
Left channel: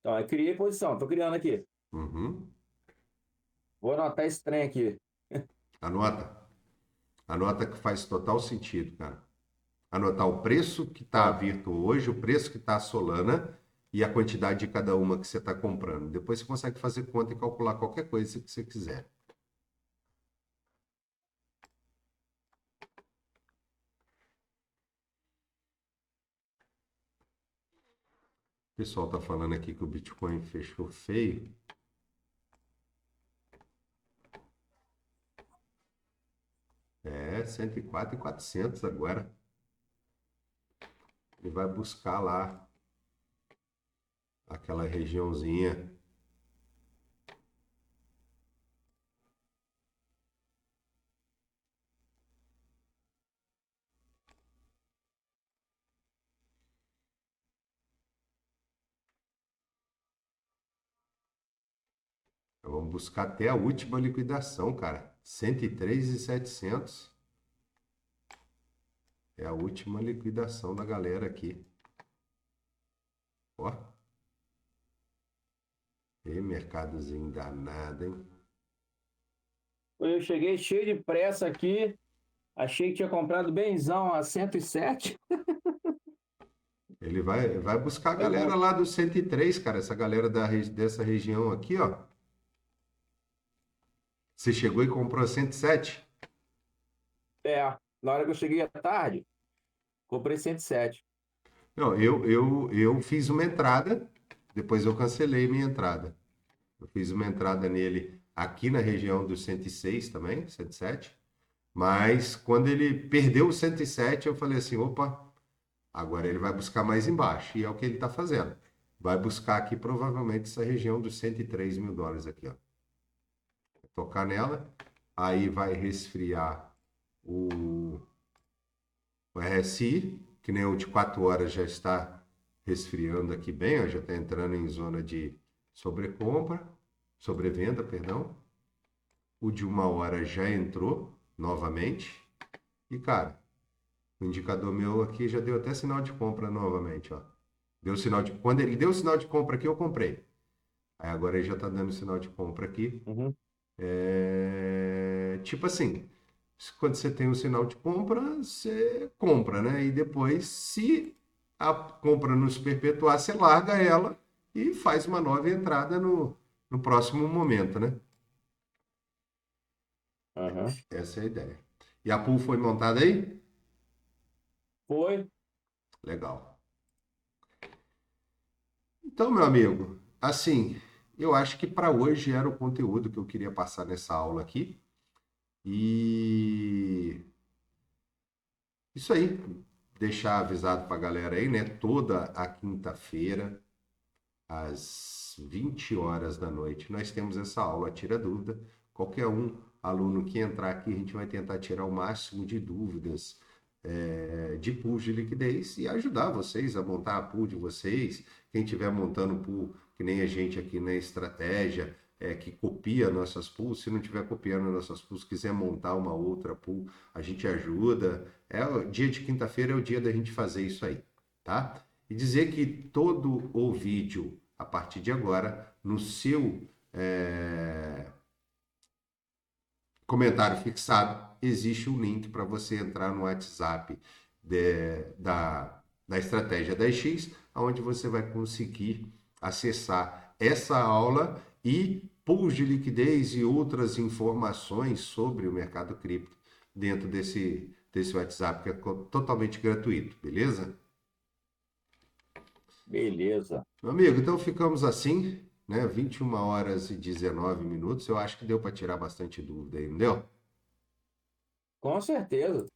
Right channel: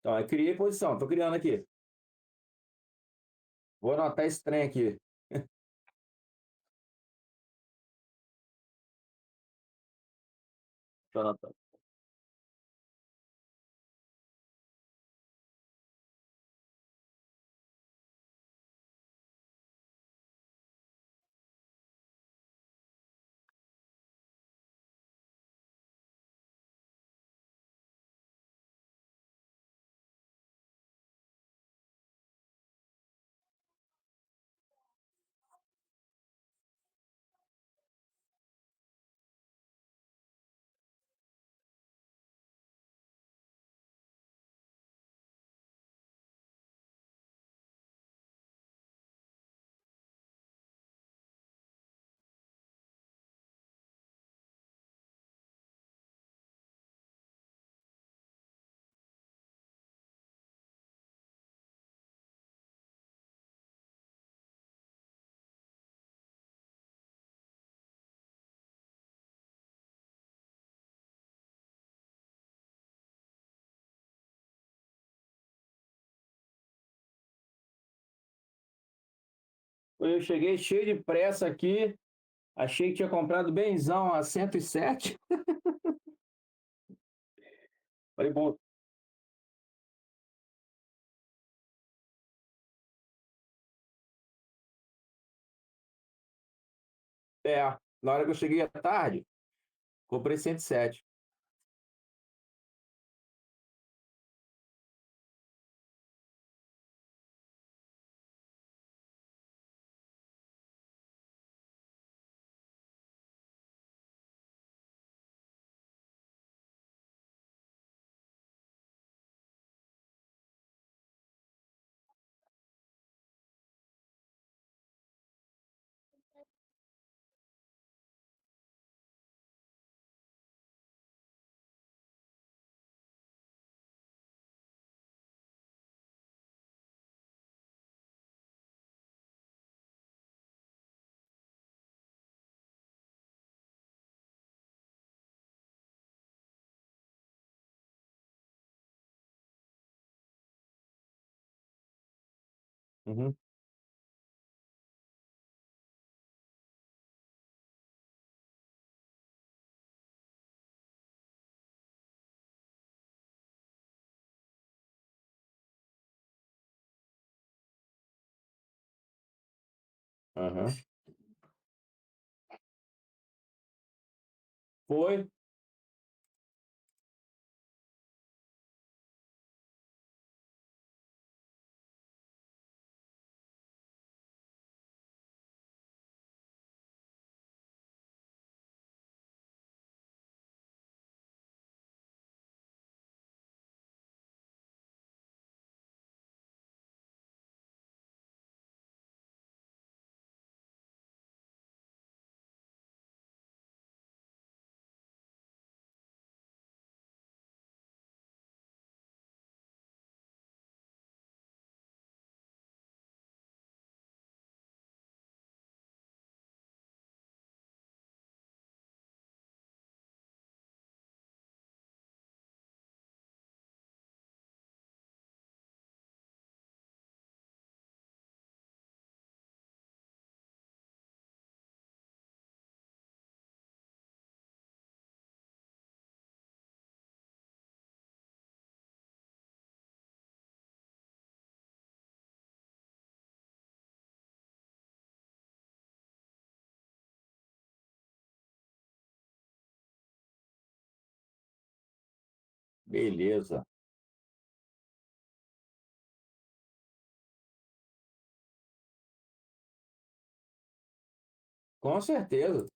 Então, eu criei posição, tô criando aqui. Uhum. Vou anotar esse trem aqui. Anota. Anota que faz total sentido, cara. Anotar o preço que está a Ó, Virtu hoje, o preço que está a Solana e a quantidade de cada uma que você está comprando. Depois você consegue fazer conta e calcular qualquer coisa que você quiser. O pessoal está falando aqui que o Bitcoin fechou feio. É, 104.400 agora. Ele vai buscar lá aquela regiãozinha. Vamos buscar até a última liquidação, cara. 103.700 é a última liquidação da galera aqui. Ó. E mercadozinho danado, hein? Eu cheguei cheio de pressa aqui, achei que tinha comprado benzão a 107. Ele vai buscar a Foi galera bom. lá do 103, cara. Essa galera dessa região aqui, ó. Você chegou e comprou a 107? É, na hora que eu cheguei à tarde, comprei 107. Não, eu fiz uma entrada, depois eu cancelei minha entrada. Eu fiz uma entrada nele aqui na região do 106 também, 107. Mas quando ele perdeu o 107, eu falei assim, opa, agora ele vai buscar mais embaixo. E é o que ele está fazendo. Vai buscar aqui provavelmente essa região dos 103 mil dólares aqui, ó. Tocar nela, aí vai resfriar o RSI, que nem o de 4 horas já está resfriando aqui bem, ó, já está entrando em zona de sobrevenda, perdão. O de 1 hora já entrou novamente. E, cara, o indicador meu aqui já deu até sinal de compra novamente, ó. Quando ele deu o sinal de compra aqui, eu comprei. Aí agora ele já está dando sinal de compra aqui. Uhum. Tipo assim, quando você tem o sinal de compra, você compra, né? E depois, se a compra não se perpetuar, você larga ela e faz uma nova entrada no próximo momento, né? Uhum. Essa é a ideia. E a pool foi montada aí? Foi. Legal. Então, meu amigo, assim, eu acho que para hoje era o conteúdo que eu queria passar nessa aula aqui. E isso aí, deixar avisado para a galera aí, né? Toda a quinta-feira, às 20 horas da noite, nós temos essa aula Tira Dúvida. Qualquer aluno que entrar aqui, a gente vai tentar tirar o máximo de dúvidas de pool de liquidez e ajudar vocês a montar a pool de vocês. Quem estiver montando pool, que nem a gente aqui na estratégia, que copia nossas pools, se não estiver copiando nossas pools, quiser montar uma outra pool, a gente ajuda. O dia de quinta-feira é o dia da gente fazer isso aí, tá? E dizer que todo o vídeo, a partir de agora, no seu comentário fixado, existe um link para você entrar no WhatsApp da estratégia 10x, onde você vai conseguir acessar essa aula e pools de liquidez e outras informações sobre o mercado cripto dentro desse WhatsApp, que é totalmente gratuito, beleza? Beleza. Meu amigo, então ficamos assim, né? 21 horas e 19 minutos. Eu acho que deu para tirar bastante dúvida aí, não deu? Com certeza.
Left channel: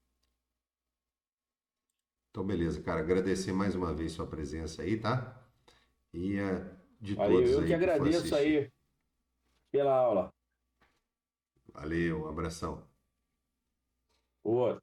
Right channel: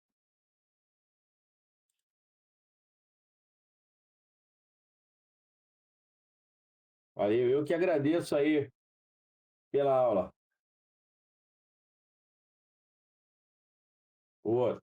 Então, beleza, cara. Agradecer mais uma vez sua presença aí, tá? E de Valeu, todos eu que aí que for agradeço assistir. aí pela aula. Valeu, um abração. Boa.